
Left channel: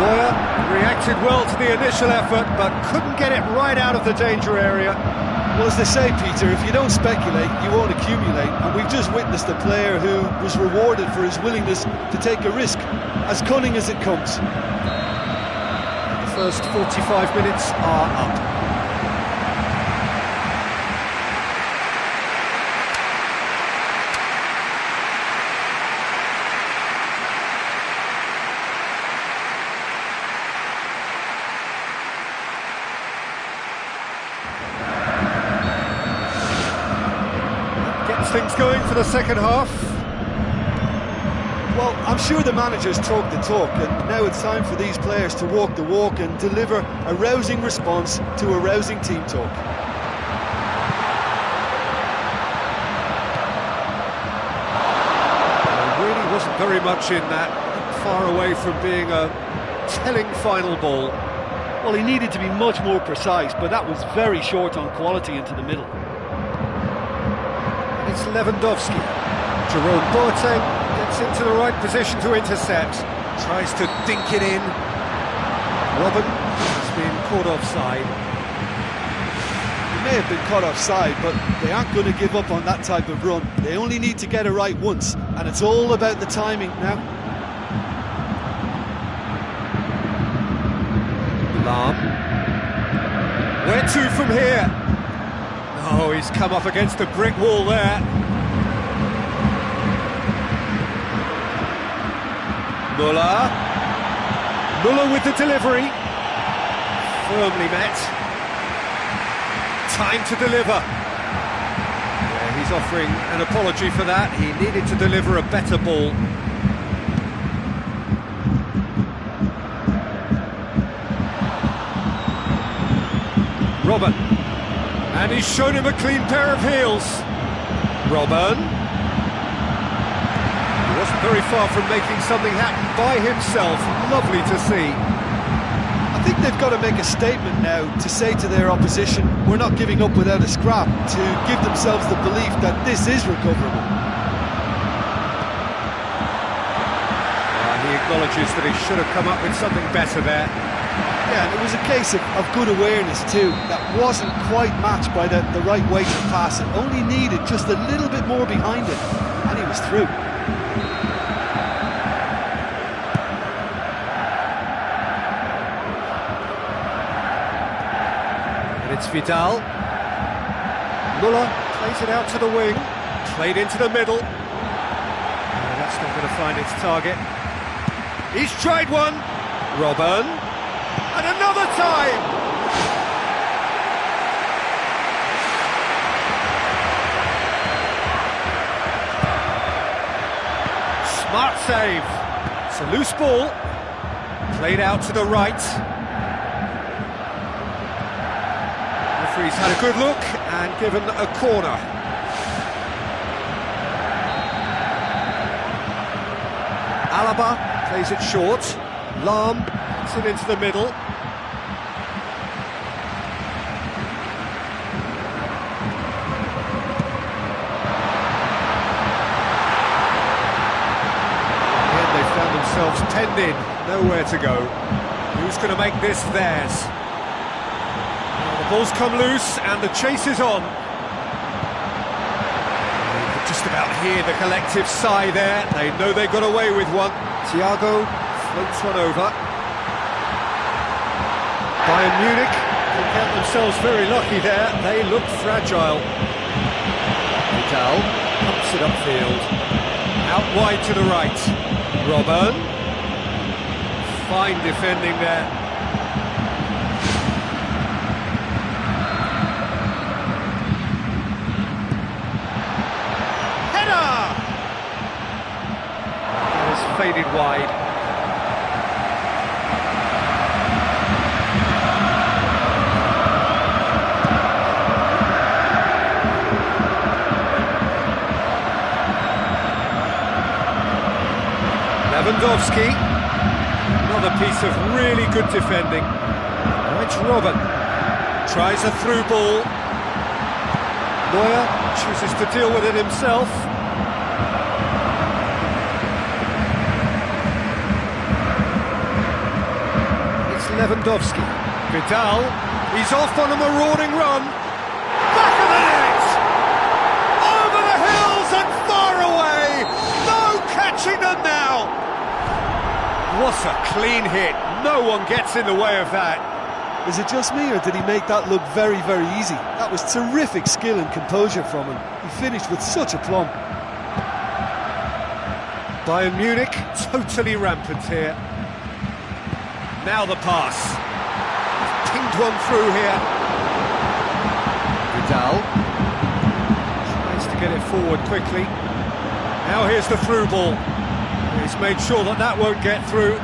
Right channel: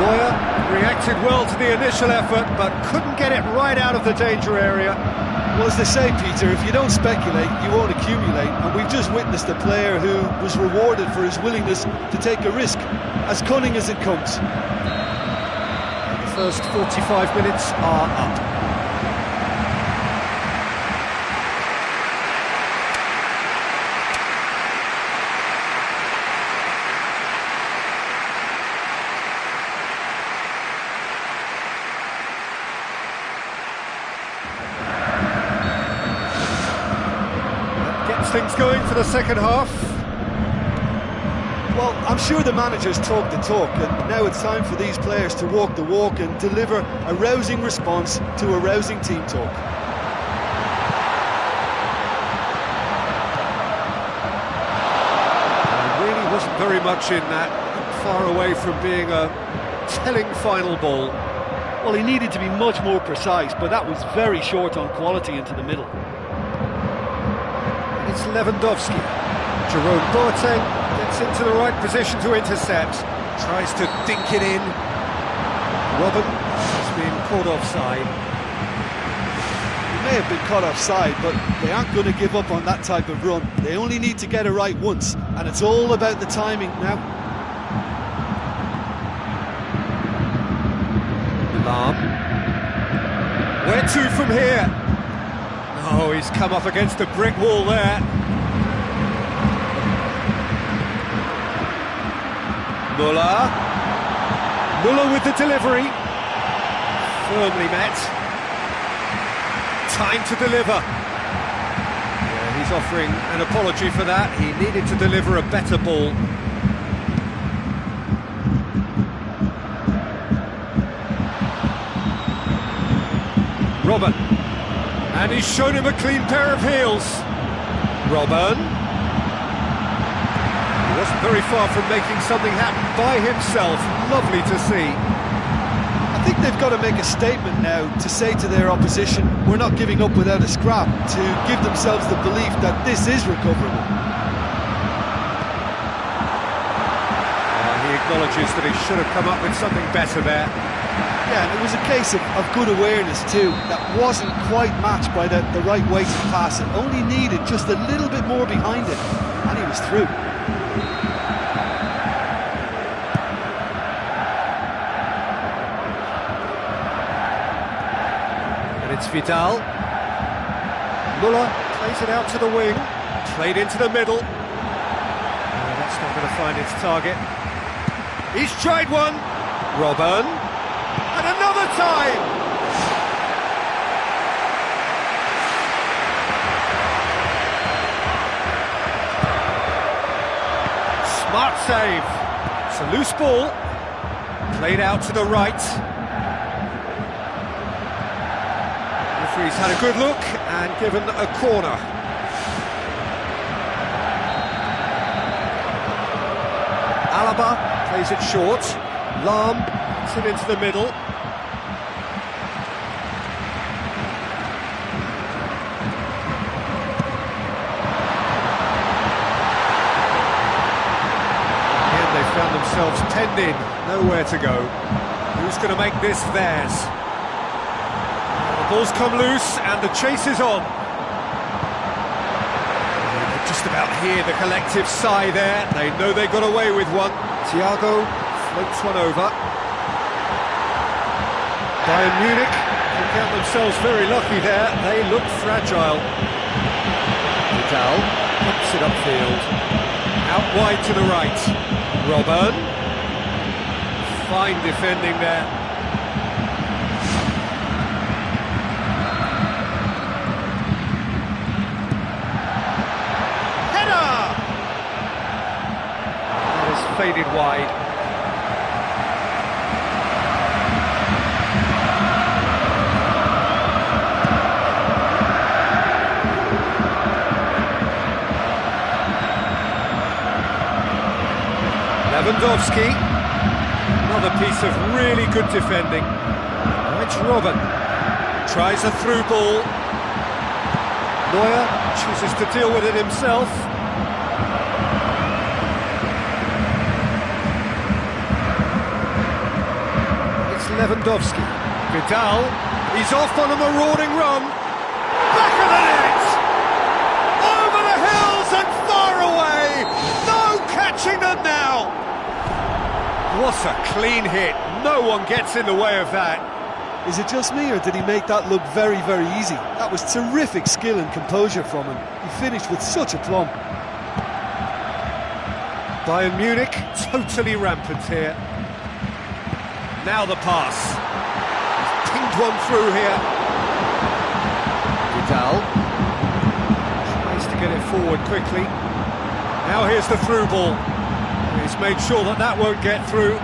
Neuer reacted well to the initial effort, but couldn't get it right out of the danger area. Well, as they say, Peter, if you don't speculate, you won't accumulate, and we've just witnessed a player who was rewarded for his willingness to take a risk, as cunning as it comes. The first 45 minutes are up. Gets things going for the second half. Well, I'm sure the managers talk the talk, and now it's time for these players to walk the walk and deliver a rousing response to a rousing team talk. There really wasn't very much in that, far away from being a telling final ball. Well, he needed to be much more precise, but that was very short on quality into the middle. And it's Lewandowski. Jerome Boateng gets into the right position to intercept. Tries to dink it in. Robben has been caught offside. He may have been caught offside, but they aren't going to give up on that type of run. They only need to get it right once, and it's all about the timing now. Lahm. Where to from here? Oh, he's come up against a brick wall there. Müller. Müller with the delivery. Firmly met. Time to deliver. Yeah, he's offering an apology for that. He needed to deliver a better ball. Robben. And he's shown him a clean pair of heels. Robben. He wasn't very far from making something happen by himself. Lovely to see. I think they've got to make a statement now to say to their opposition, we're not giving up without a scrap, to give themselves the belief that this is recoverable. He acknowledges that he should have come up with something better there. Yeah, and it was a case of good awareness too. That wasn't quite matched by the right way to pass it. Only needed just a little bit more behind it, and he was through. And it's Vidal. Müller plays it out to the wing. Played into the middle. That's not going to find its target. He's tried one. Robben. And another time! Smart save. It's a loose ball. Played out to the right. The referee's had a good look and given a corner. Alaba plays it short. Lahm puts it into the middle. And they themselves penned in, nowhere to go. Who's going to make this theirs? Well, the ball's come loose and the chase is on. You could just about hear the collective sigh there. They know they got away with one. Thiago floats one over. Bayern Munich can count themselves very lucky there. They look fragile. Vidal pumps it upfield. Out wide to the right. Robben. Fine defending there. Header! That is faded wide. Lewandowski, another piece of really good defending. Now it's Robben, tries a through ball. Neuer chooses to deal with it himself. It's Lewandowski. Vidal, he's off on a marauding run. Back of the net! Over the hills and far away! No catching them now! What a clean hit. No one gets in the way of that. Is it just me, or did he make that look very, very easy? That was terrific skill and composure from him. He finished with such aplomb. Bayern Munich totally rampant here. Now the pass. He's pinged one through here. Vidal tries to get it forward quickly. Now here's the through ball. He's made sure that that won't get through.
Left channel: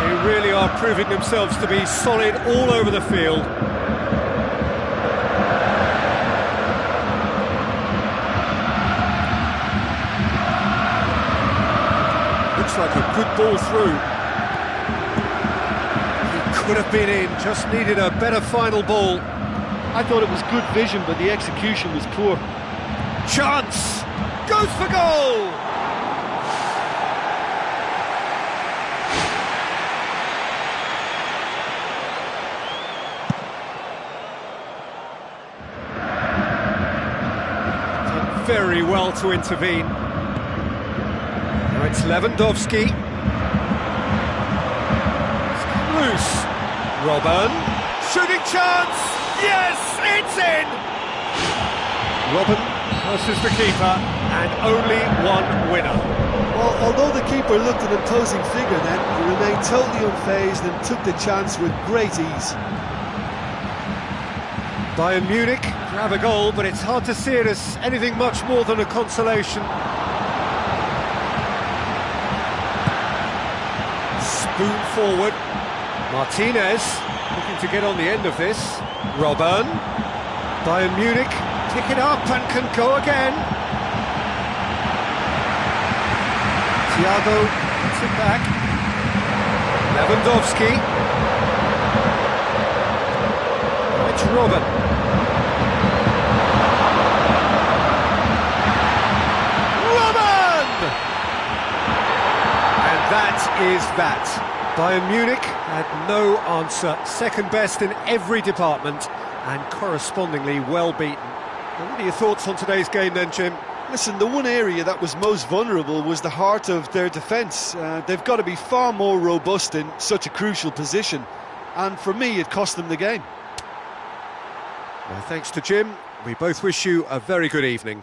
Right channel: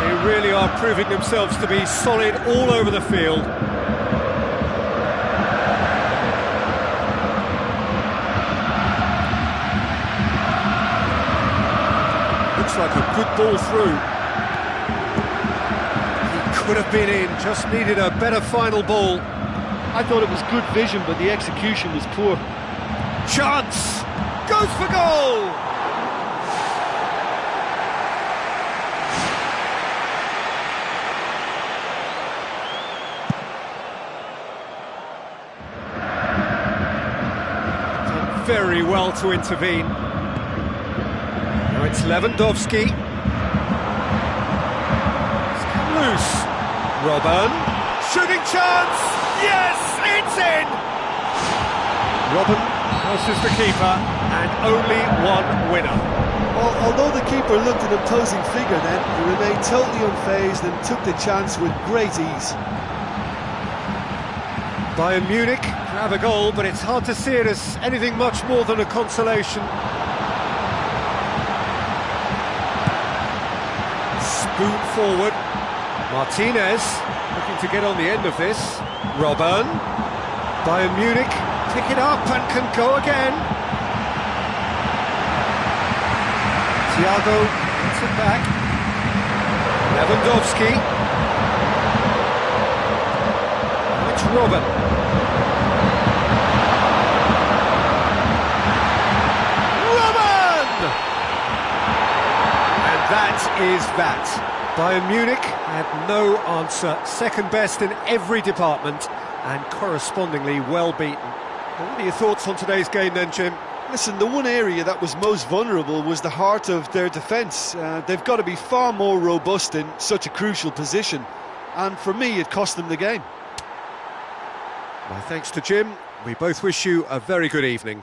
They really are proving themselves to be solid all over the field. Looks like a good ball through. He could have been in, just needed a better final ball. I thought it was good vision, but the execution was poor. Chance! Goes for goal! Done very well to intervene. Now it's Lewandowski. It's come loose. Robben. Shooting chance! Yes, it's in! Robben crosses the keeper, and only one winner. Well, although the keeper looked an imposing figure then, he remained totally unfazed and took the chance with great ease. Bayern Munich grab a goal, but it's hard to see it as anything much more than a consolation. Spoon forward. Martinez looking to get on the end of this. Robben. Bayern Munich pick it up and can go again. Thiago gets it back. Lewandowski. Now it's Robben. Robben! And that is that. Bayern Munich had no answer, second best in every department and correspondingly well beaten. Well, what are your thoughts on today's game then, Jim? Listen, the one area that was most vulnerable was the heart of their defence. They've got to be far more robust in such a crucial position, and for me it cost them the game. Well, thanks to Jim. We both wish you a very good evening.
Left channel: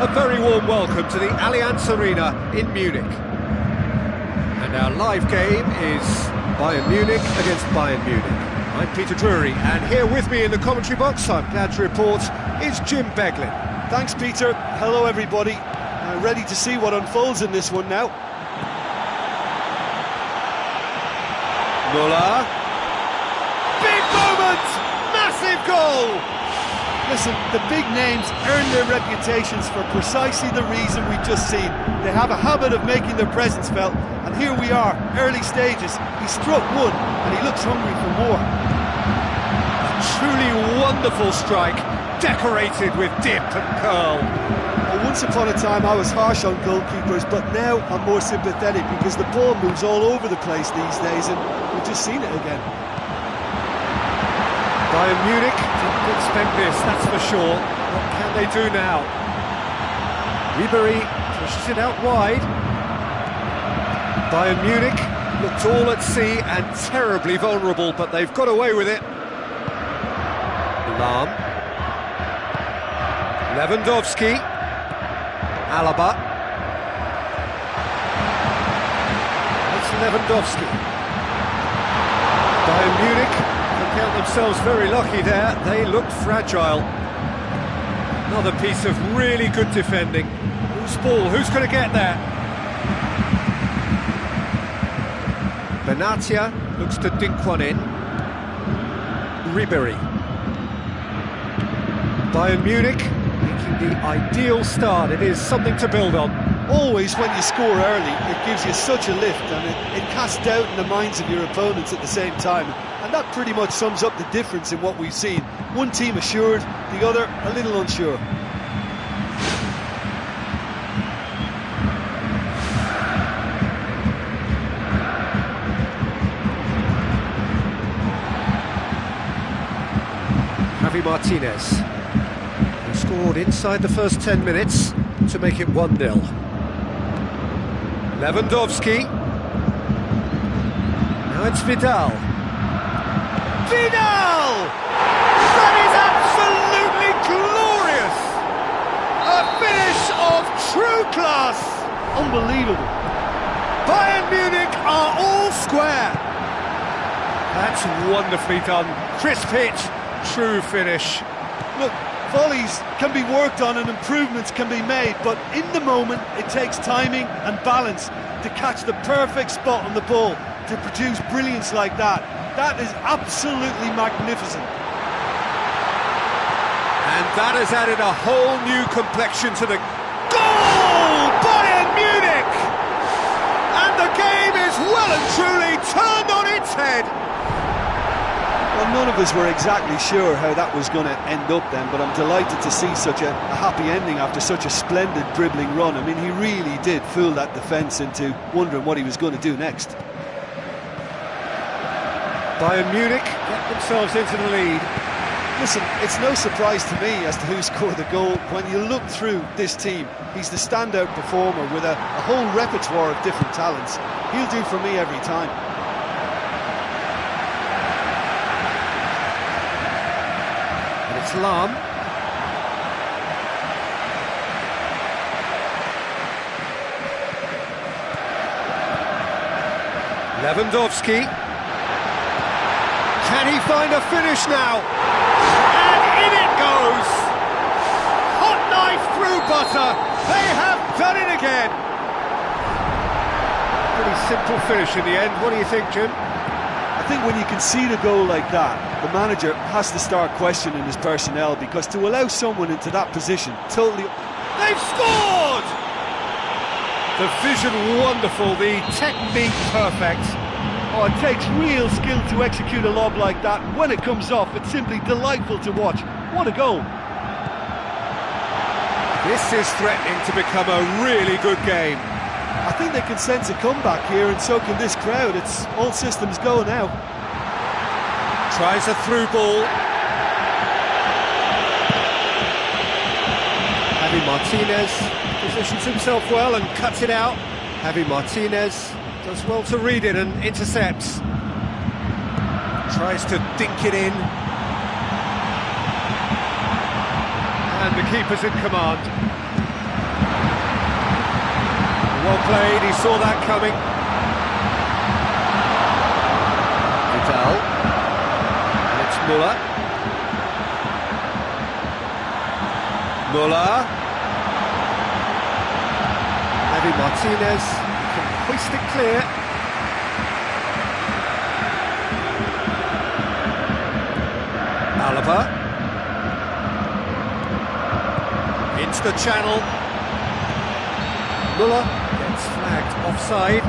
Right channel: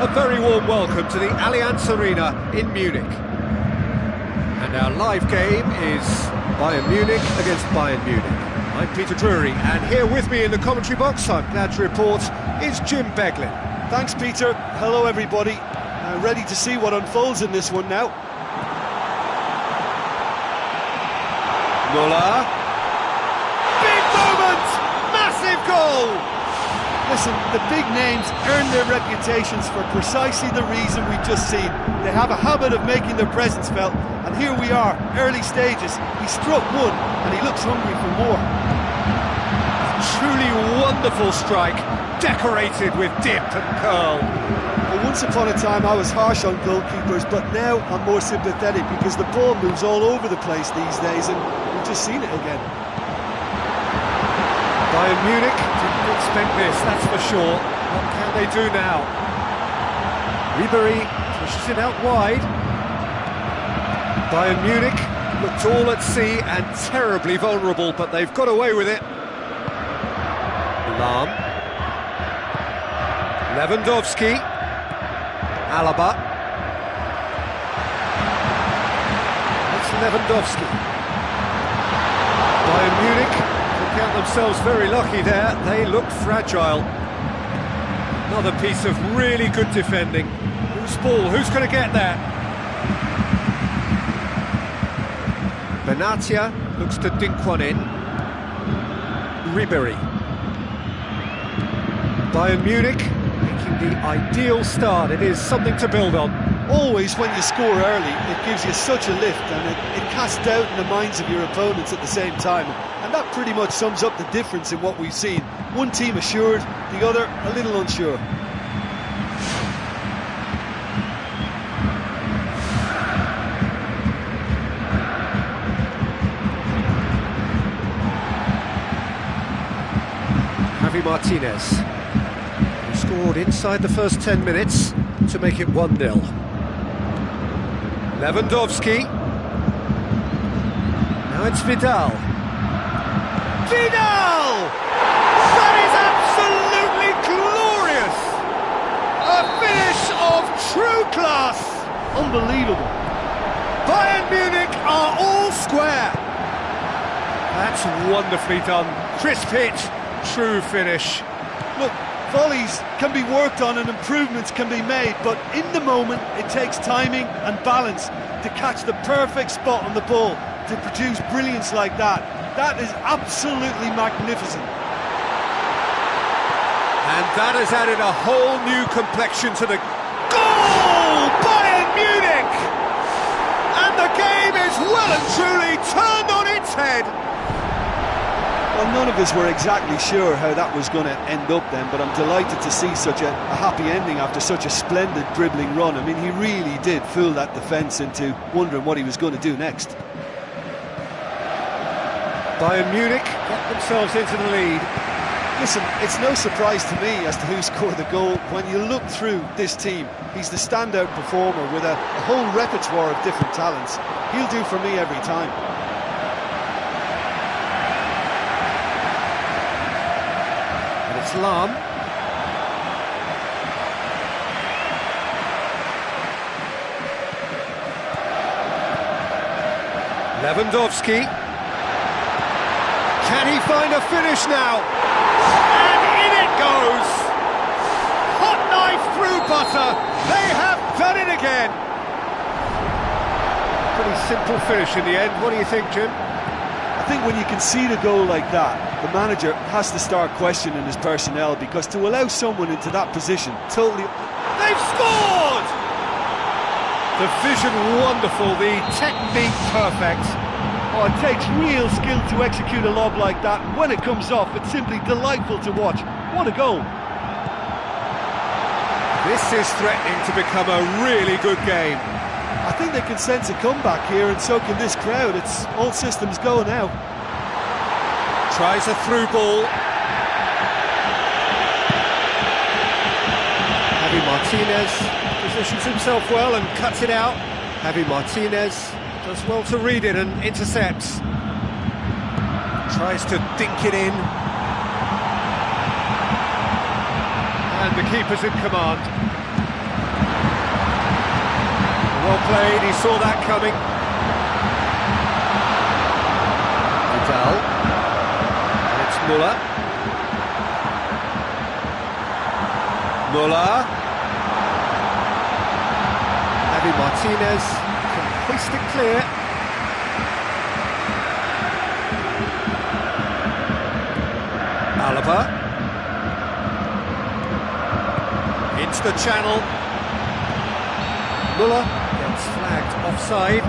A very warm welcome to the Allianz Arena in Munich. And our live game is Bayern Munich against Bayern Munich. I'm Peter Drury, and here with me in the commentary box, I'm glad to report, is Jim Beglin. Thanks, Peter. Hello, everybody. Ready to see what unfolds in this one now. Muller. Big moment! Massive goal! Listen, the big names earn their reputations for precisely the reason we've just seen. They have a habit of making their presence felt, and here we are, early stages. He struck one, and he looks hungry for more. A truly wonderful strike, decorated with dip and curl. Well, once upon a time I was harsh on goalkeepers, but now I'm more sympathetic because the ball moves all over the place these days, and we've just seen it again. Bayern Munich didn't expect this, that's for sure. What can they do now? Ribery pushes it out wide. Bayern Munich looked all at sea and terribly vulnerable, but they've got away with it. Lahm. Lewandowski. Alaba. It's Lewandowski. Bayern Munich count themselves very lucky there. They looked fragile. Another piece of really good defending. Who's ball? Who's going to get there? Benatia looks to dink one in. Ribery. Bayern Munich making the ideal start. It is something to build on. Always when you score early, it gives you such a lift, and it casts doubt in the minds of your opponents at the same time. And that pretty much sums up the difference in what we've seen. One team assured, the other a little unsure. Javi Martinez, who scored inside the first 10 minutes to make it 1-0. Lewandowski. Now it's Vidal. Vidal! That is absolutely glorious! A finish of true class! Unbelievable. Bayern Munich are all square. That's wonderfully done. Crisp hit, true finish. Look, volleys can be worked on and improvements can be made, but in the moment it takes timing and balance to catch the perfect spot on the ball to produce brilliance like that. That is absolutely magnificent. And that has added a whole new complexion to the goal! Bayern Munich! And the game is well and truly turned on its head. Well, none of us were exactly sure how that was going to end up then, but I'm delighted to see such a happy ending after such a splendid dribbling run. I mean, he really did fool that defence into wondering what he was going to do next. Bayern Munich get themselves into the lead. Listen, it's no surprise to me as to who scored the goal. When you look through this team, he's the standout performer with a whole repertoire of different talents. He'll do for me every time. And it's Lahm. Lewandowski. Can he find a finish now? And in it goes! Hot knife through butter! They have done it again! Pretty simple finish in the end. What do you think, Jim? I think when you concede a goal like that, the manager has to start questioning his personnel, because to allow someone into that position totally... They've scored! The vision wonderful, the technique perfect. Oh, it takes real skill to execute a lob like that, and when it comes off, it's simply delightful to watch. What a goal! This is threatening to become a really good game. I think they can sense a comeback here, and so can this crowd. It's all systems go now. Tries a through ball. Javi Martinez positions himself well and cuts it out. Javi Martinez does well to read it and intercepts. Tries to dink it in. And the keeper's in command. Well played, he saw that coming. Vidal. And it's Muller. Muller. Javi Martinez can hoist it clear. Alaba. Into the channel. Muller gets flagged offside.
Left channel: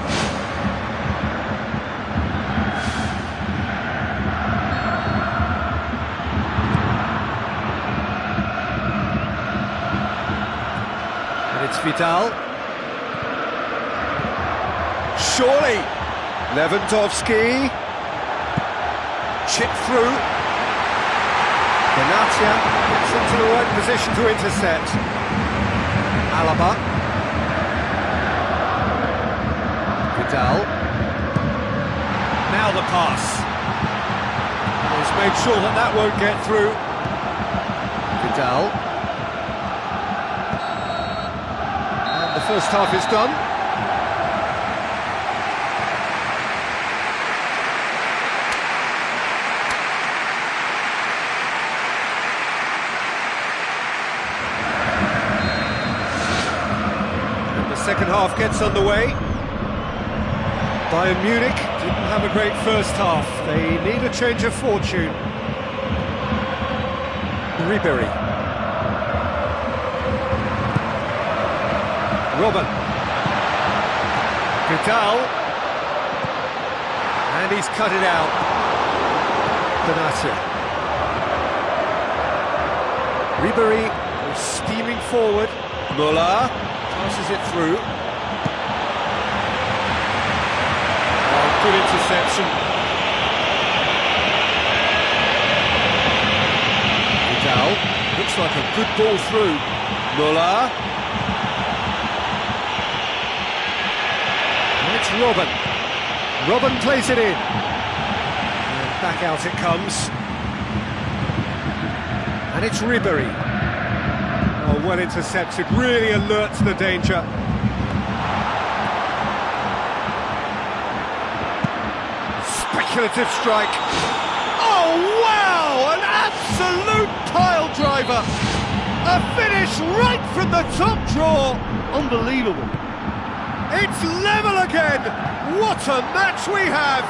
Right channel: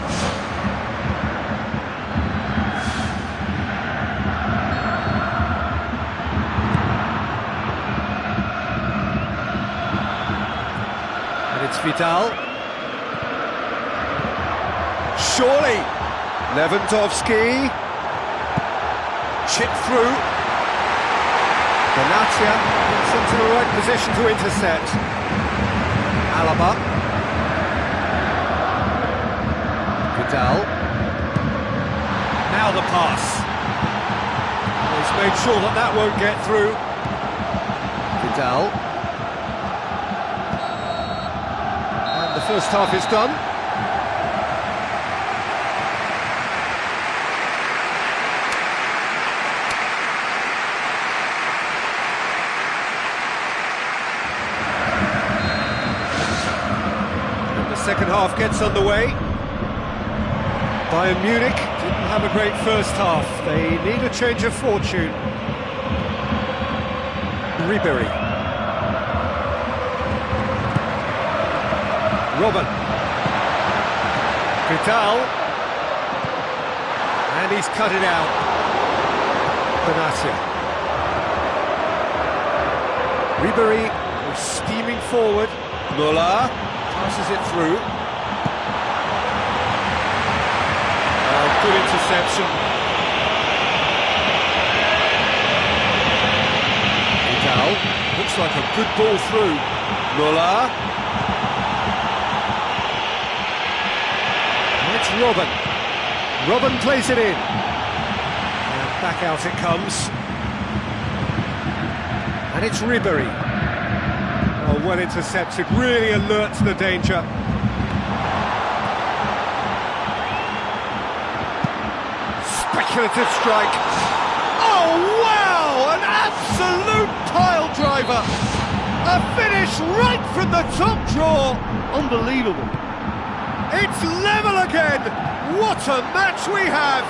And it's Vidal. Surely. Lewandowski. Chip through. Benatia gets into the right position to intercept. Alaba. Vidal. Now the pass. He's made sure that that won't get through. Vidal. And the first half is done. Second half gets underway. Bayern Munich didn't have a great first half. They need a change of fortune. Ribery. Robben. Vidal. And he's cut it out. Benatia. Ribery goes steaming forward. Muller. Passes it through. Oh, good interception. Vidal. Looks like a good ball through. Muller. And it's Robben. Robben plays it in. And back out it comes. And it's Ribery. Oh, well intercepted, really alert to the danger. Speculative strike. Oh, wow! An absolute pile driver! A finish right from the top draw! Unbelievable. It's level again! What a match we have!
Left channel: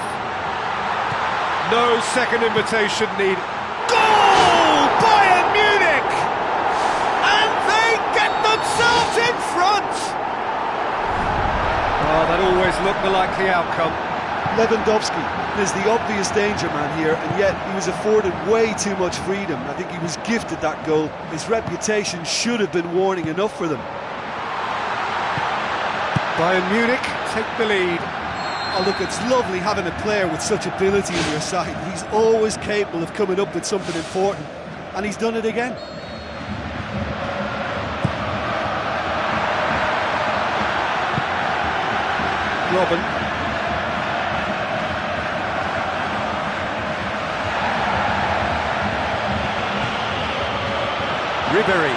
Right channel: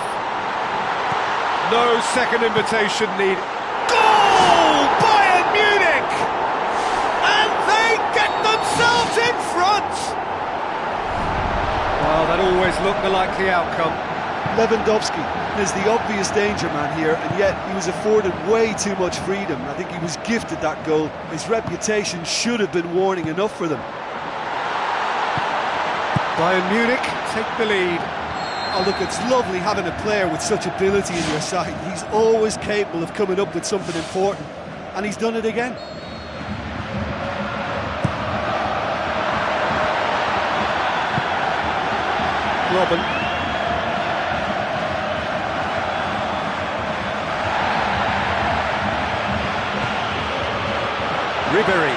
No second invitation needed. Goal! Bayern Munich! And they get themselves in front! Well, that always looked the likely outcome. Lewandowski is the obvious danger man here, and yet he was afforded way too much freedom. I think he was gifted that goal. His reputation should have been warning enough for them. Bayern Munich take the lead. Oh, look, it's lovely having a player with such ability in your side. He's always capable of coming up with something important, and he's done it again. Robben. Ribery.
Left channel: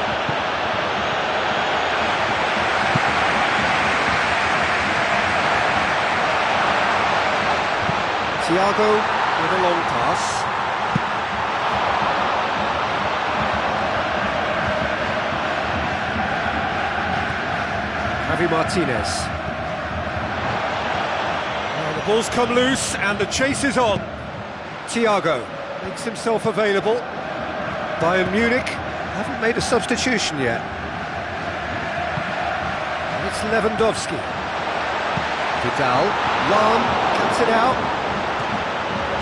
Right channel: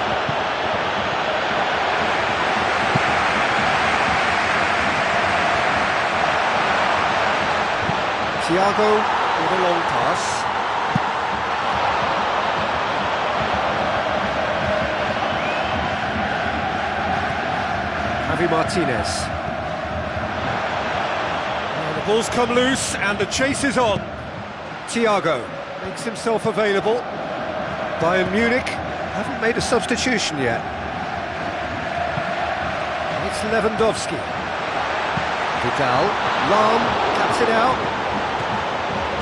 Thiago with a long pass. Javi Martinez. Well, the ball's come loose and the chase is on. Thiago makes himself available. Bayern Munich haven't made a substitution yet. And it's Lewandowski. Vidal. Lahm cuts it out.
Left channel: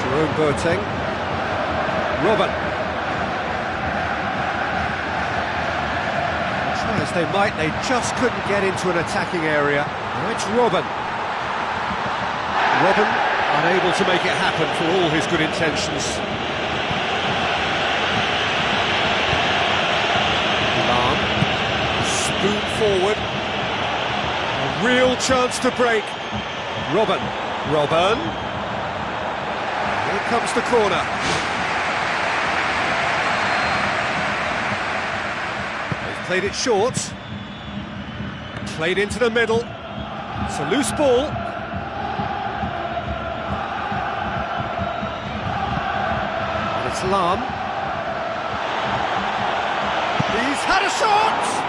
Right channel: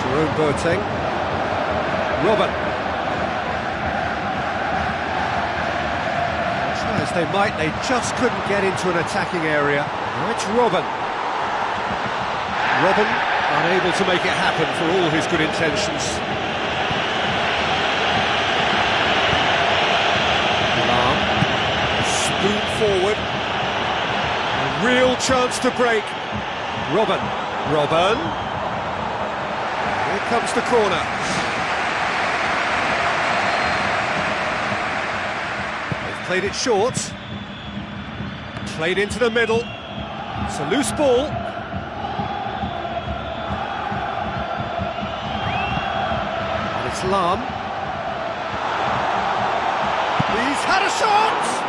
Jerome Boateng. Robben. Try as they might, they just couldn't get into an attacking area. Now it's Robben. Robben unable to make it happen for all his good intentions. Lahm. Spoon forward. A real chance to break. Robben. Robben. Here comes the corner. They've played it short. Played into the middle. It's a loose ball. And it's Lam. He's had a shot!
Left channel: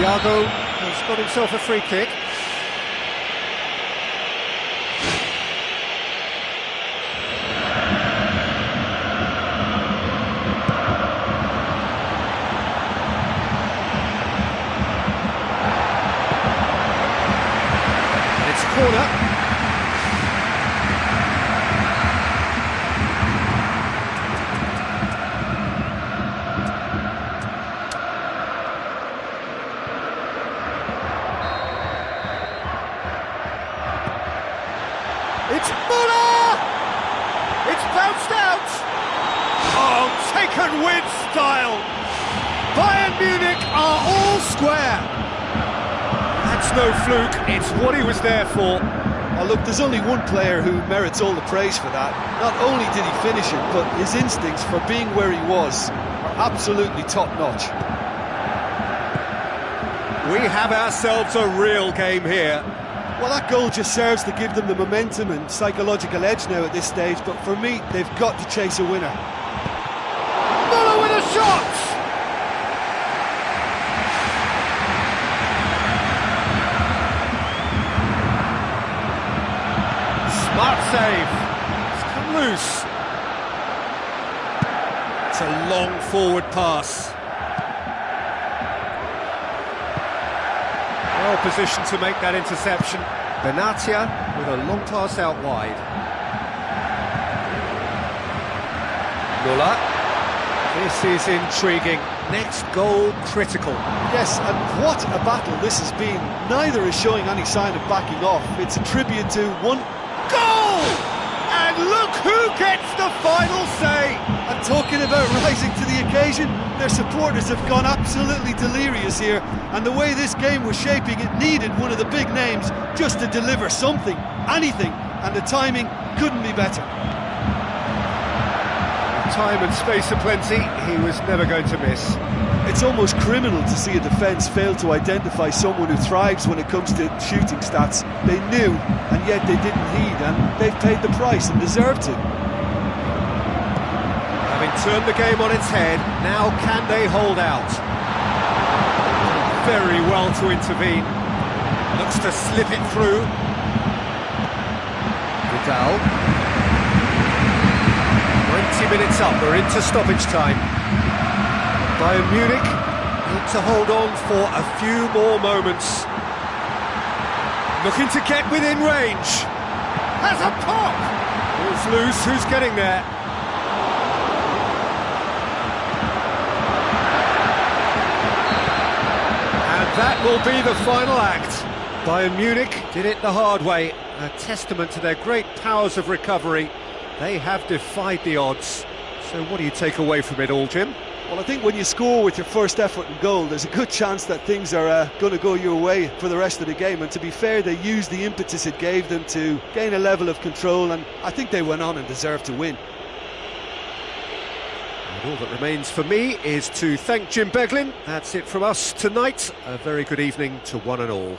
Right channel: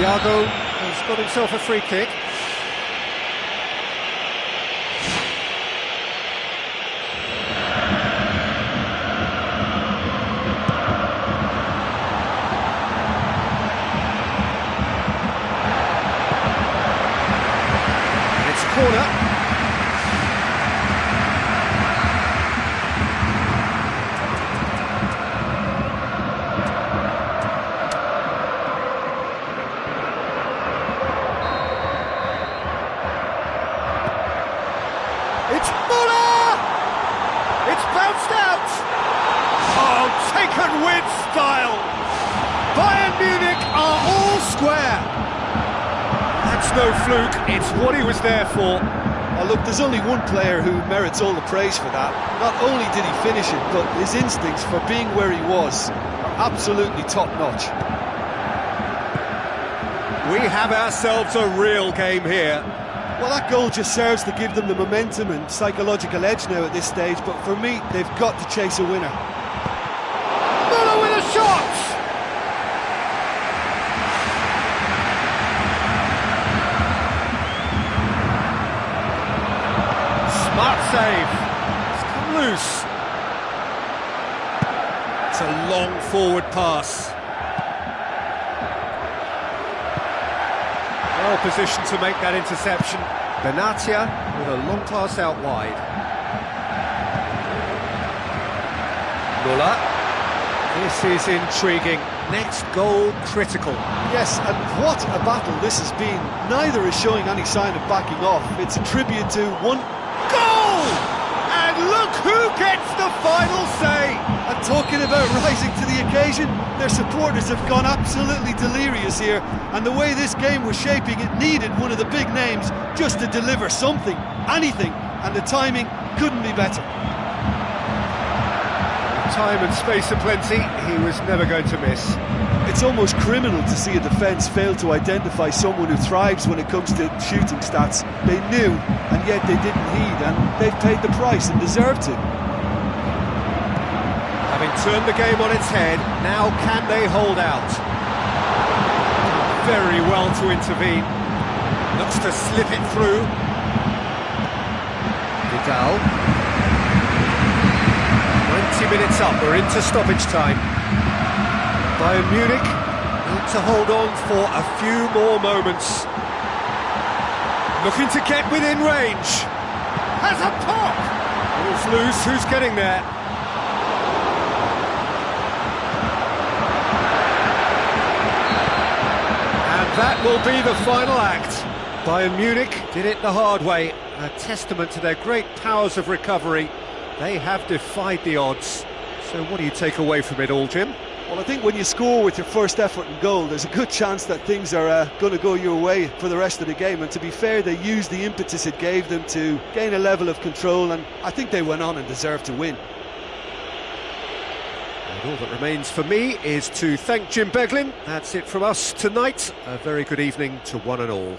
Thiago has got himself a free kick. And it's a corner. It's Muller! It's bounced out! Oh, taken with style! Bayern Munich are all square! That's no fluke, it's what he was there for. Oh, look, there's only one player who merits all the praise for that. Not only did he finish it, but his instincts for being where he was are absolutely top-notch. We have ourselves a real game here. Well, that goal just serves to give them the momentum and psychological edge now at this stage, but for me, they've got to chase a winner. Muller with a shot! Smart save. It's come loose. It's a long forward pass. Well positioned to make that interception. Benatia with a long pass out wide. Muller. This is intriguing. Next goal critical. Yes, and what a battle this has been. Neither is showing any sign of backing off. It's a tribute to one goal! And look who gets the final say! And talking about rising to the occasion, their supporters have gone absolutely delirious here, and the way this game was shaping, it needed one of the big names just to deliver something, anything, and the timing couldn't be better. With time and space aplenty, he was never going to miss. It's almost criminal to see a defence fail to identify someone who thrives when it comes to shooting stats. They knew, and yet they didn't heed, and they've paid the price and deserve to. Having turned the game on its head, now can they hold out? Very well to intervene. Looks to slip it through. Vidal. 90 minutes up, we're into stoppage time. Bayern Munich need to hold on for a few more moments. Looking to get within range. Has a pop! Ball's loose, who's getting there? That will be the final act. Bayern Munich did it the hard way, a testament to their great powers of recovery. They have defied the odds. So what do you take away from it all, Jim? Well, I think when you score with your first effort and goal, there's a good chance that things are going to go your way for the rest of the game. And to be fair, they used the impetus it gave them to gain a level of control, and I think they went on and deserved to win. And all that remains for me is to thank Jim Beglin. That's it from us tonight. A very good evening to one and all.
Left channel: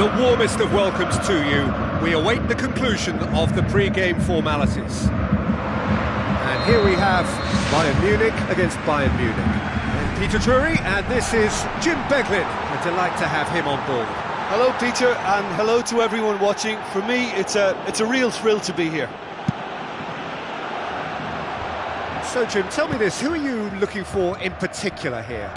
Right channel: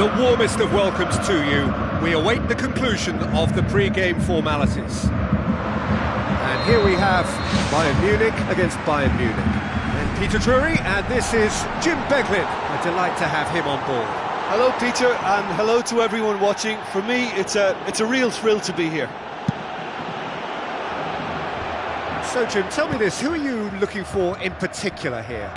The warmest of welcomes to you. We await the conclusion of the pre-game formalities. And here we have Bayern Munich against Bayern Munich. And Peter Drury, and this is Jim Beglin. A delight to have him on board. Hello, Peter, and hello to everyone watching. For me, it's a real thrill to be here. So, Jim, tell me this, who are you looking for in particular here?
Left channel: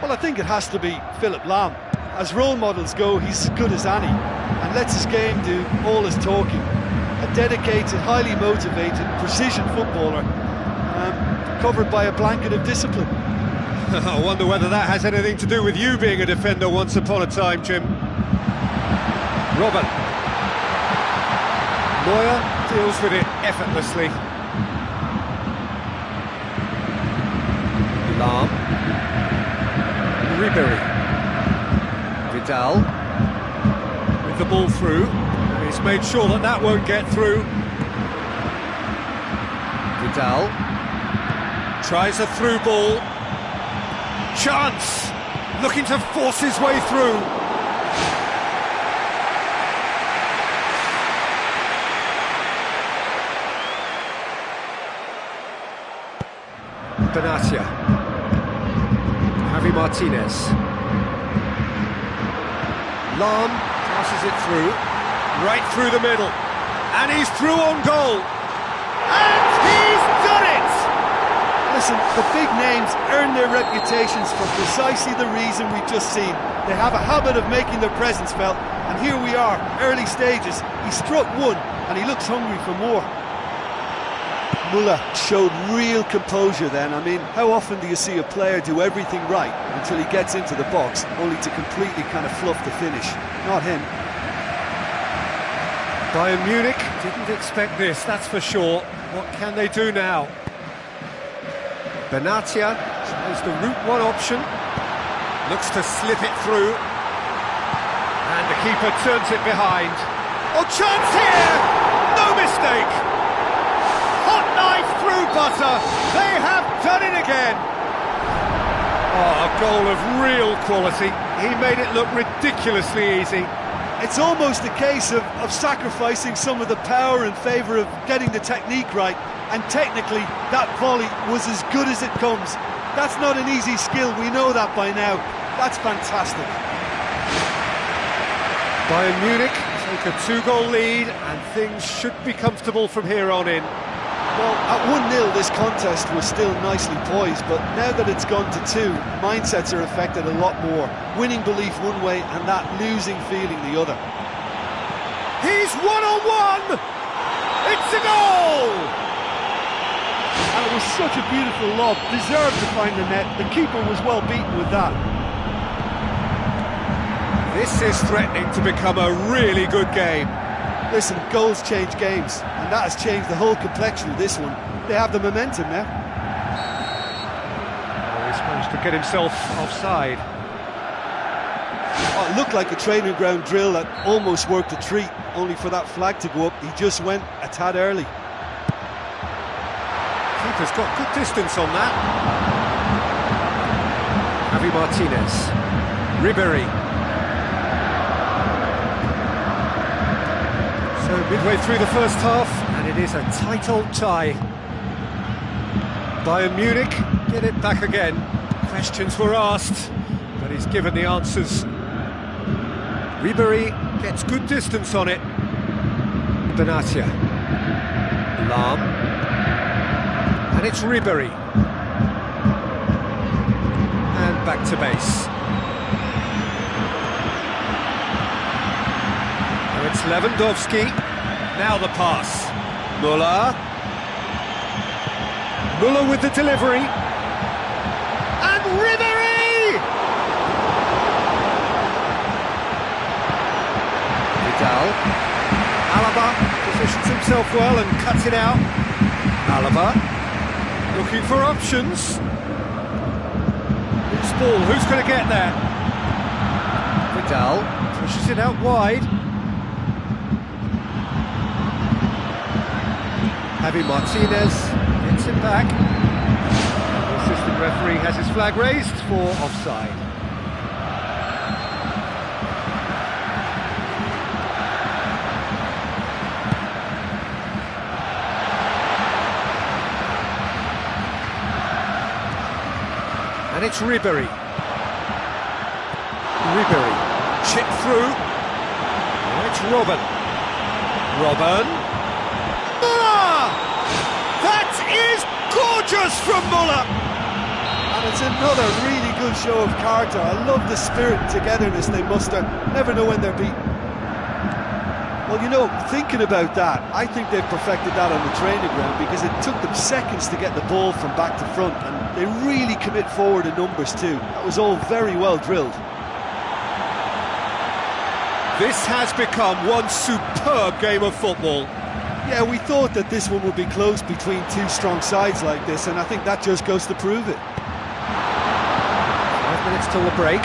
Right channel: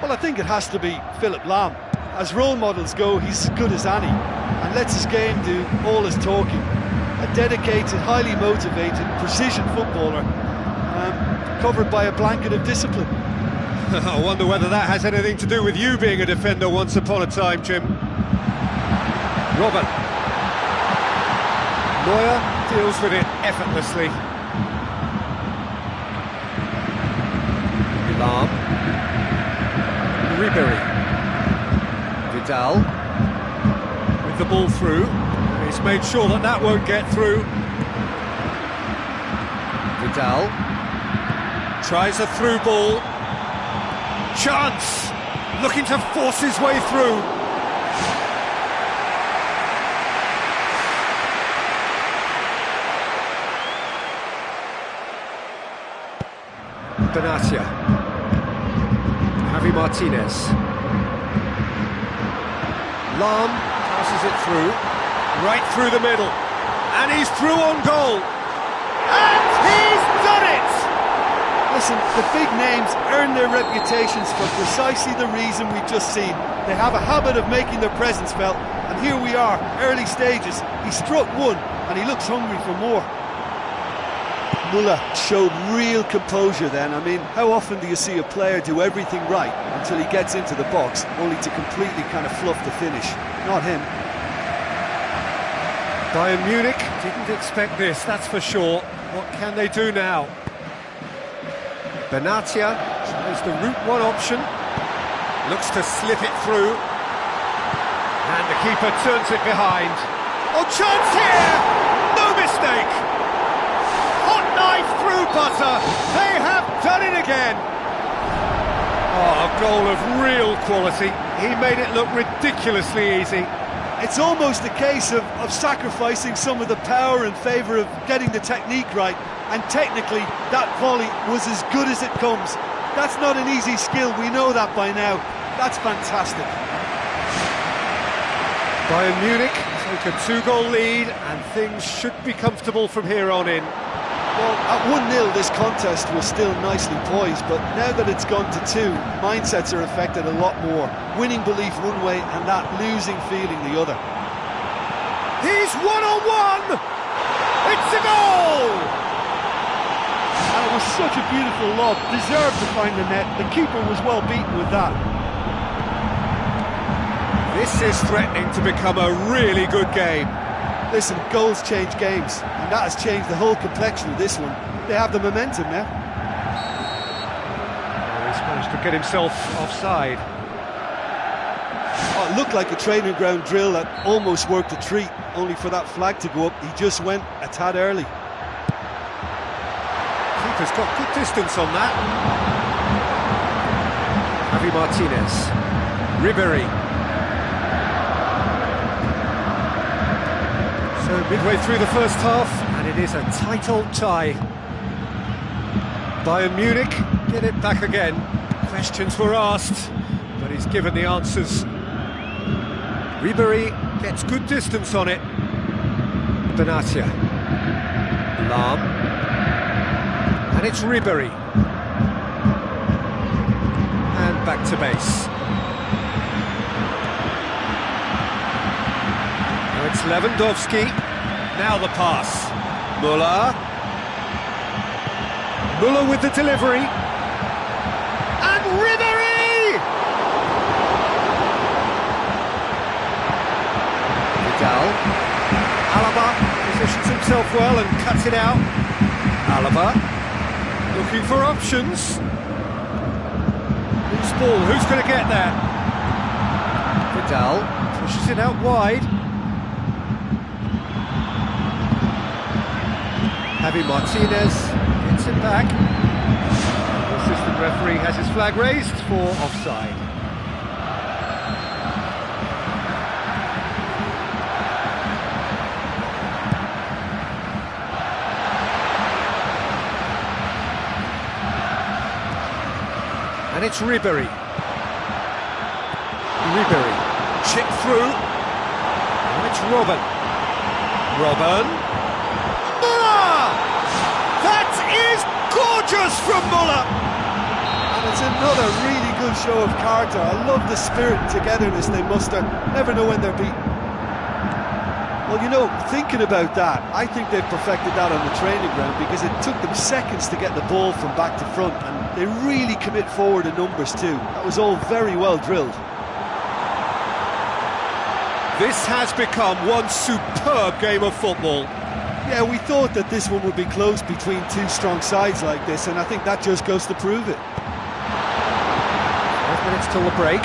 Well, I think it has to be Philipp Lahm. As role models go, he's as good as any, and lets his game do all his talking. A dedicated, highly motivated, precision footballer, covered by a blanket of discipline. I wonder whether that has anything to do with you being a defender once upon a time, Jim. Robert. Neuer deals with it effortlessly. Lahm. Ribery. Vidal. With the ball through. He's made sure that that won't get through. Vidal. Tries a through ball. Chance! Looking to force his way through. Benatia. Javi Martinez. Lahm passes it through, right through the middle, and he's through on goal, and he's done it! Listen, the big names earn their reputations for precisely the reason we've just seen. They have a habit of making their presence felt, and here we are, early stages. He struck one, and he looks hungry for more. Müller showed real composure then. I mean, how often do you see a player do everything right until he gets into the box, only to completely kind of fluff the finish? Not him. Bayern Munich didn't expect this, that's for sure. What can they do now? Benatia tries the route one option, looks to slip it through, and the keeper turns it behind. Oh, chance here! No mistake! Hot knife through butter, they have done it again! Oh, a goal of real quality. He made it look ridiculously easy. It's almost a case of sacrificing some of the power in favour of getting the technique right, and technically that volley was as good as it comes. That's not an easy skill, we know that by now. That's fantastic. Bayern Munich take a 2-goal lead, and things should be comfortable from here on in. Well, at 1-0 this contest was still nicely poised, but now that it's gone to 2, mindsets are affected a lot more. Winning belief one way and that losing feeling the other. He's one-on-one! It's a goal! And it was such a beautiful lob, deserved to find the net. The keeper was well beaten with that. This is threatening to become a really good game. Listen, goals change games, and that has changed the whole complexion of this one. They have the momentum now. Oh, he's managed to get himself offside. Oh, it looked like a training ground drill that almost worked a treat, only for that flag to go up. He just went a tad early. Keeper's got good distance on that. Javi Martinez. Ribery. So midway through the first half, and it is a tight old tie. Bayern Munich get it back again. Questions were asked, but he's given the answers. Ribery gets good distance on it. Benatia. Lahm. And it's Ribery. And back to base. It's Lewandowski, now the pass. Müller. Müller with the delivery. And Ribery! Vidal. Alaba positions himself well and cuts it out. Alaba looking for options. Loose ball, who's going to get there? Vidal pushes it out wide. Javi Martinez gets it back. The assistant referee has his flag raised for offside. And it's Ribery. Ribery, chip through. Now it's Robben. Robben. Muller! That is gorgeous from Muller! And it's another really good show of character. I love the spirit and togetherness they muster. Never know when they're beaten. Well, you know, thinking about that, I think they've perfected that on the training ground because it took them seconds to get the ball from back to front, and they really commit forward in numbers too. That was all very well drilled. This has become one superb game of football. Yeah, we thought that this one would be close between two strong sides like this, and I think that just goes to prove it. 5 minutes till the break.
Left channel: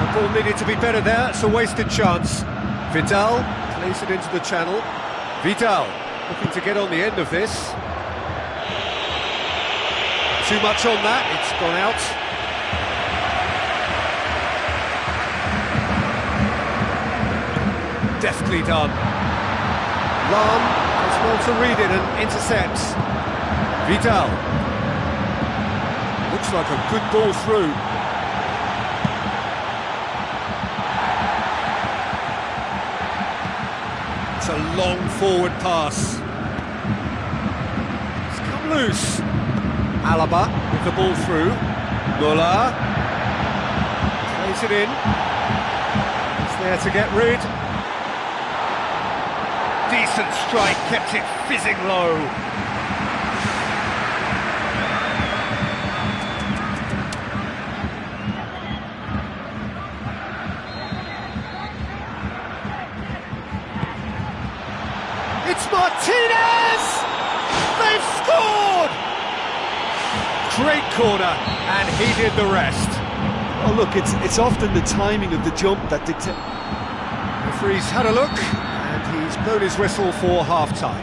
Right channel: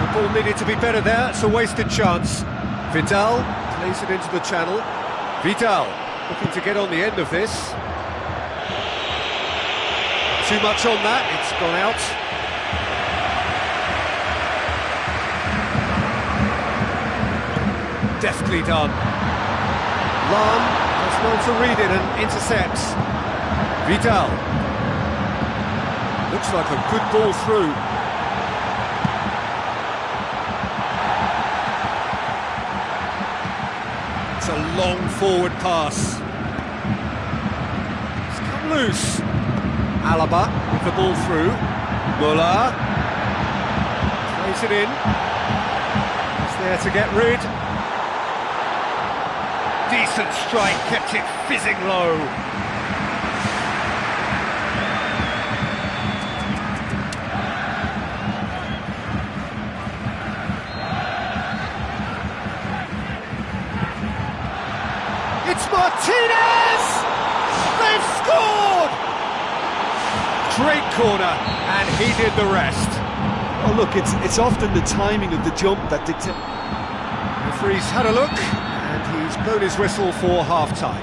The ball needed to be better there, it's a wasted chance. Vidal plays it into the channel. Vidal looking to get on the end of this. Too much on that, it's gone out. Deftly done. Lahm has well to read it and intercepts. Vidal. Looks like a good ball through. It's a long forward pass. It's come loose. Alaba with the ball through. Muller plays it in. He's there to get rid. Decent strike, kept it fizzing low. It's Martinez! They've scored! Great corner, and he did the rest. Oh look, it's often the timing of the jump that dictates. The referee's had a look, and he's blown his whistle for half-time.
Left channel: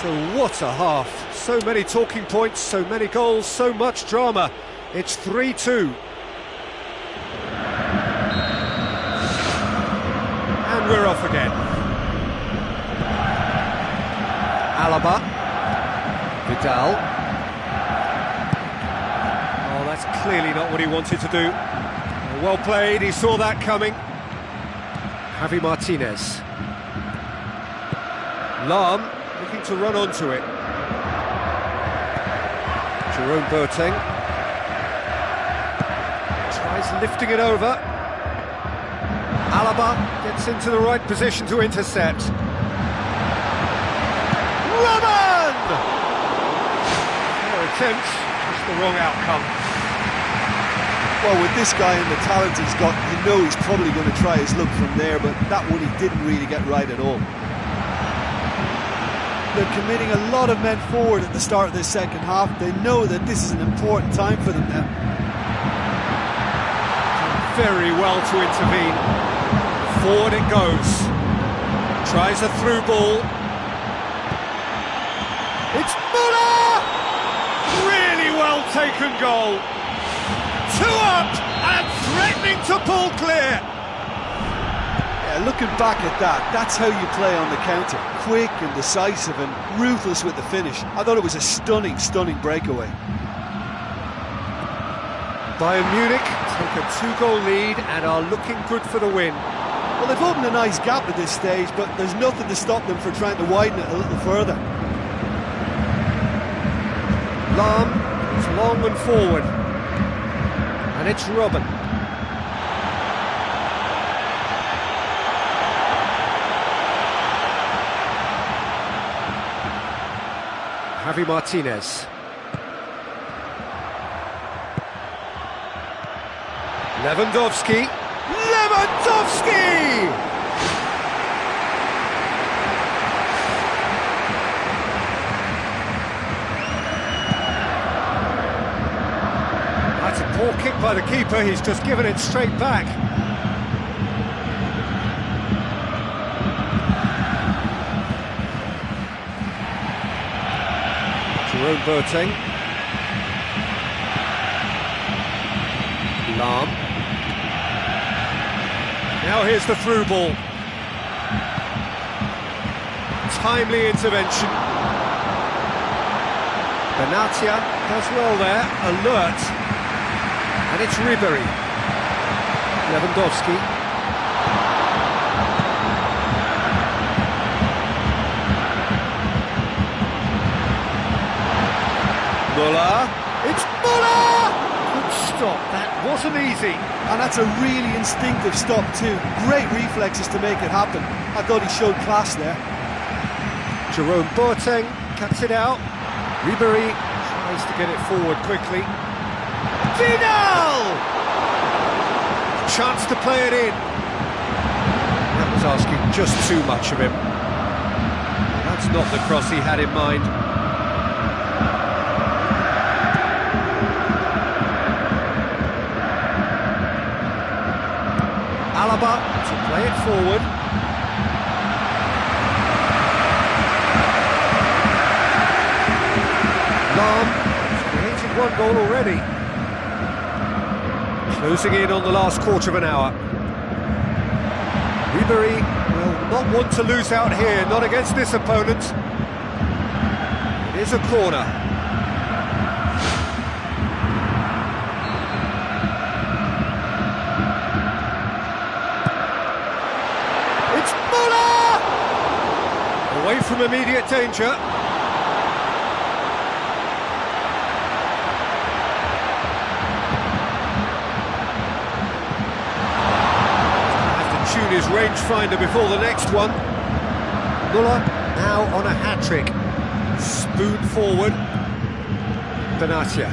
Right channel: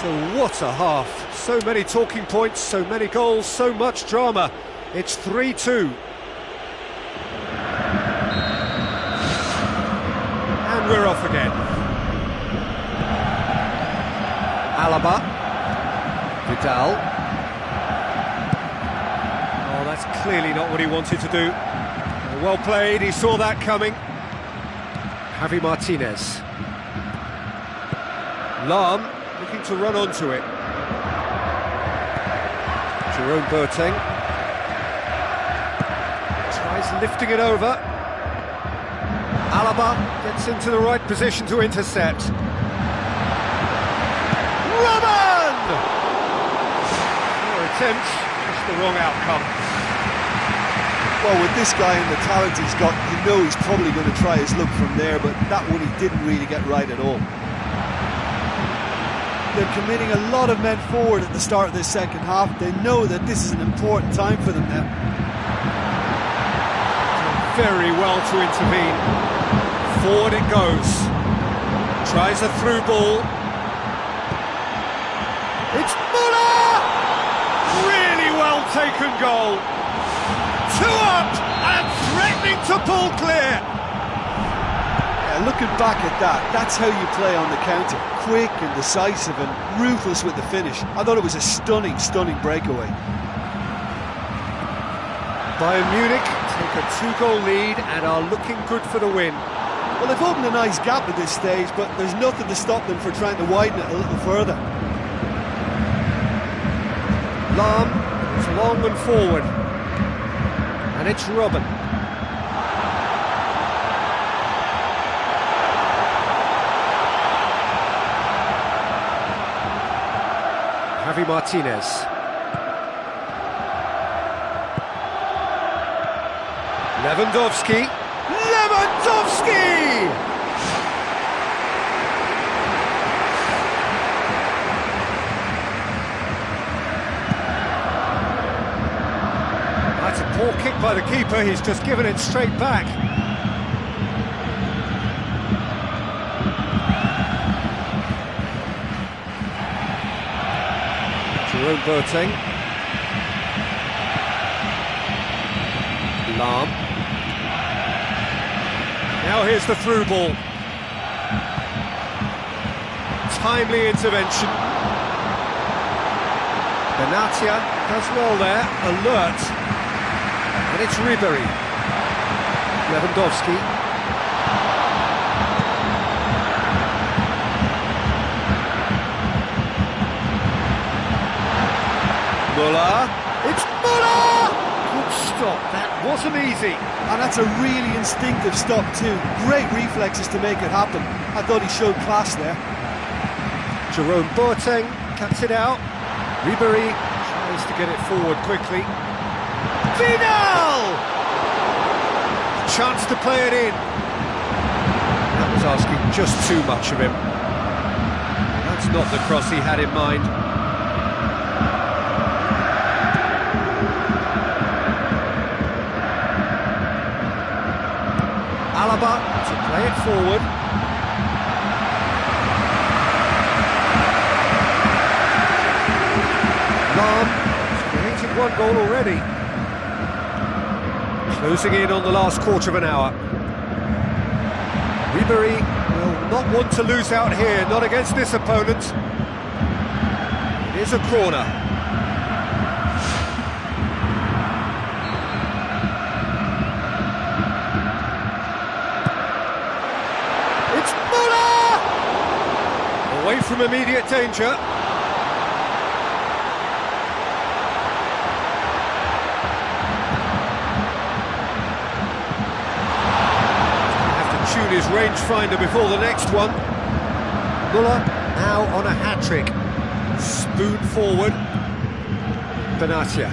So what a half. So many talking points, so many goals, so much drama. It's 3-2. And we're off again. Alaba. Vidal. Oh, that's clearly not what he wanted to do. Well played, he saw that coming. Javi Martinez. Lahm looking to run onto it. Jerome Boateng tries lifting it over. Alaba gets into the right position to intercept. Robben! Fair attempt, just the wrong outcome. Well, with this guy and the talent he's got, you know he's probably going to try his luck from there, but that one he didn't really get right at all. They're committing a lot of men forward at the start of this second half. They know that this is an important time for them now. Very well to intervene. Forward it goes. Tries a through ball. It's Muller! Really well taken goal. 2 up and threatening to pull clear. Yeah, looking back at that, that's how you play on the counter. Quick and decisive and ruthless with the finish. I thought it was a stunning, stunning breakaway. Bayern Munich take a 2-goal lead and are looking good for the win. Well, they've opened a nice gap at this stage, but there's nothing to stop them from trying to widen it a little further. Lahm is long and forward. And it's Robben. Javi Martinez. Lewandowski. Lewandowski! That's a poor kick by the keeper, he's just given it straight back. Jerome Boateng. Lahm. Now here's the through ball. Timely intervention. Benatia does well there, alert. And it's Ribery. Lewandowski. Muller. It's Muller! Good stop, that wasn't easy. And that's a really instinctive stop too. Great reflexes to make it happen. I thought he showed class there. Jerome Boateng cuts it out. Ribery tries to get it forward quickly. Vidal! Chance to play it in. That was asking just too much of him. That's not the cross he had in mind. Alaba to play it forward. Lam has created one goal already. Closing in on the last quarter of an hour. Ribery will not want to lose out here, not against this opponent. It is a corner. It's Muller! Away from immediate danger. Tune his rangefinder before the next one. Muller now on a hat-trick. Spoon forward. Benatia.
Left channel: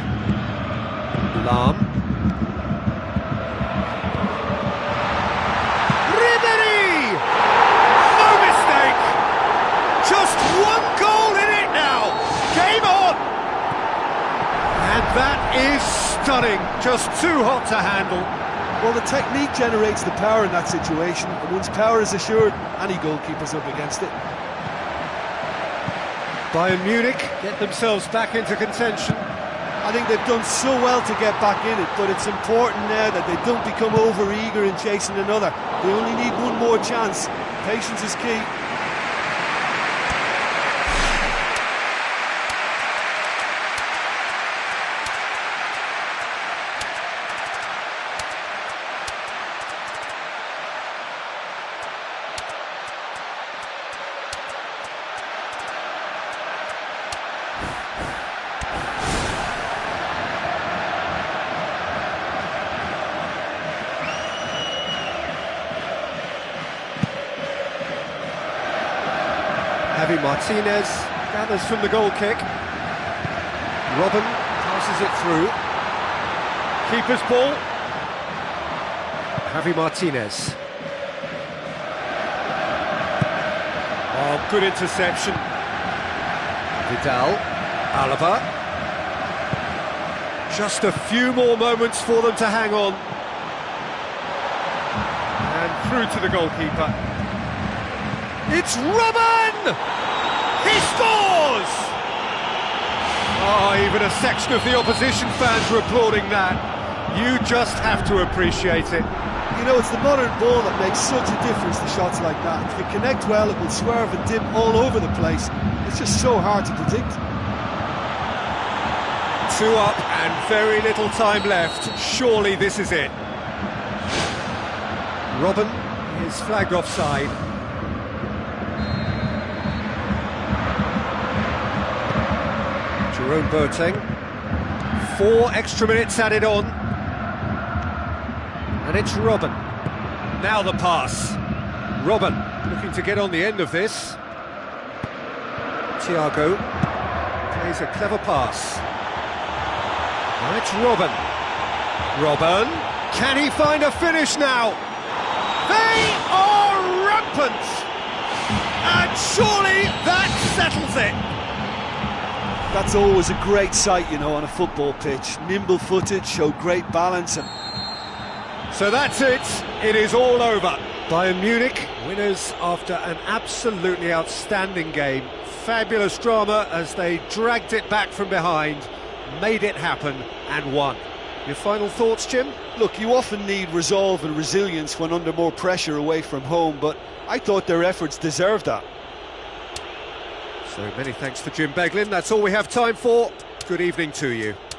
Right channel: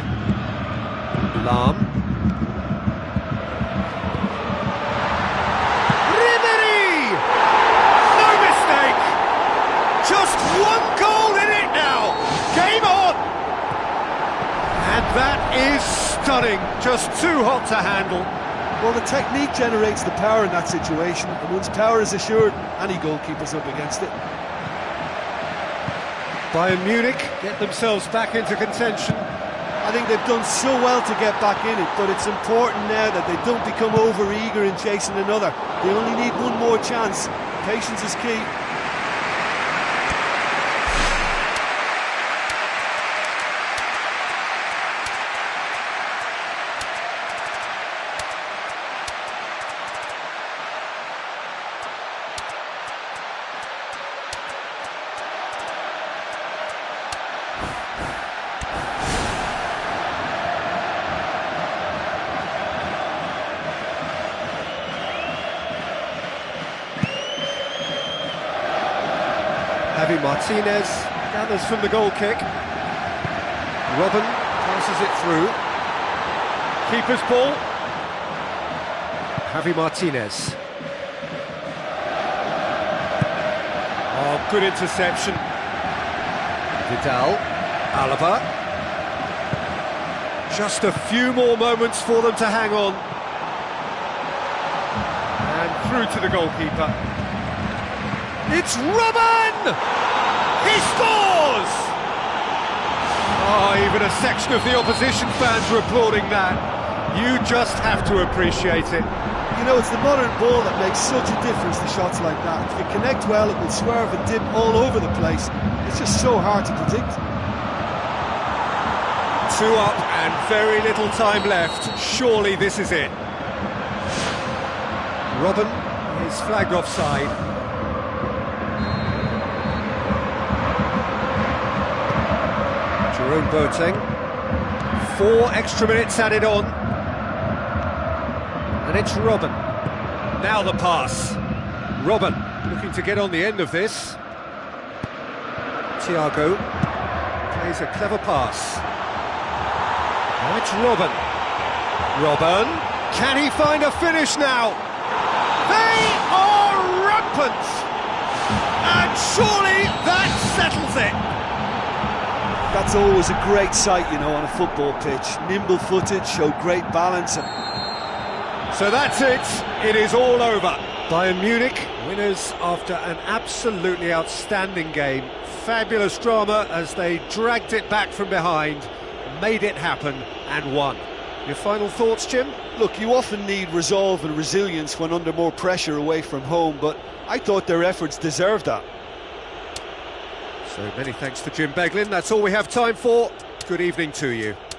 Lam. Ribery! No mistake! Just one goal in it now! Game on! And that is stunning. Just too hot to handle. Well, the technique generates the power in that situation, and once power is assured, any goalkeeper's up against it. Bayern Munich get themselves back into contention. I think they've done so well to get back in it, but it's important now that they don't become over-eager in chasing another. They only need one more chance. Patience is key. Javi Martinez gathers from the goal kick. Robben passes it through. Keeper's ball. Javi Martinez. Oh, good interception. Vidal. Alaba. Just a few more moments for them to hang on. And through to the goalkeeper. It's Robben! He scores! Oh, even a section of the opposition fans were applauding that. You just have to appreciate it. You know, it's the modern ball that makes such a difference to shots like that. If you connect well, it will swerve and dip all over the place. It's just so hard to predict. 2 up and very little time left. Surely this is it. Robben is flagged offside. Jerome Boateng. 4 extra minutes added on. And it's Robben. Now the pass. Robben looking to get on the end of this. Thiago plays a clever pass. Now it's Robben. Robben. Can he find a finish now? They are rampant! And surely that settles it! That's always a great sight, you know, on a football pitch. Nimble-footed, show great balance. So that's it. It is all over. Bayern Munich, winners after an absolutely outstanding game. Fabulous drama as they dragged it back from behind, made it happen and won. Your final thoughts, Jim? Look, you often need resolve and resilience when under more pressure away from home, but I thought their efforts deserved that. So many thanks to Jim Beglin. That's all we have time for. good evening to you.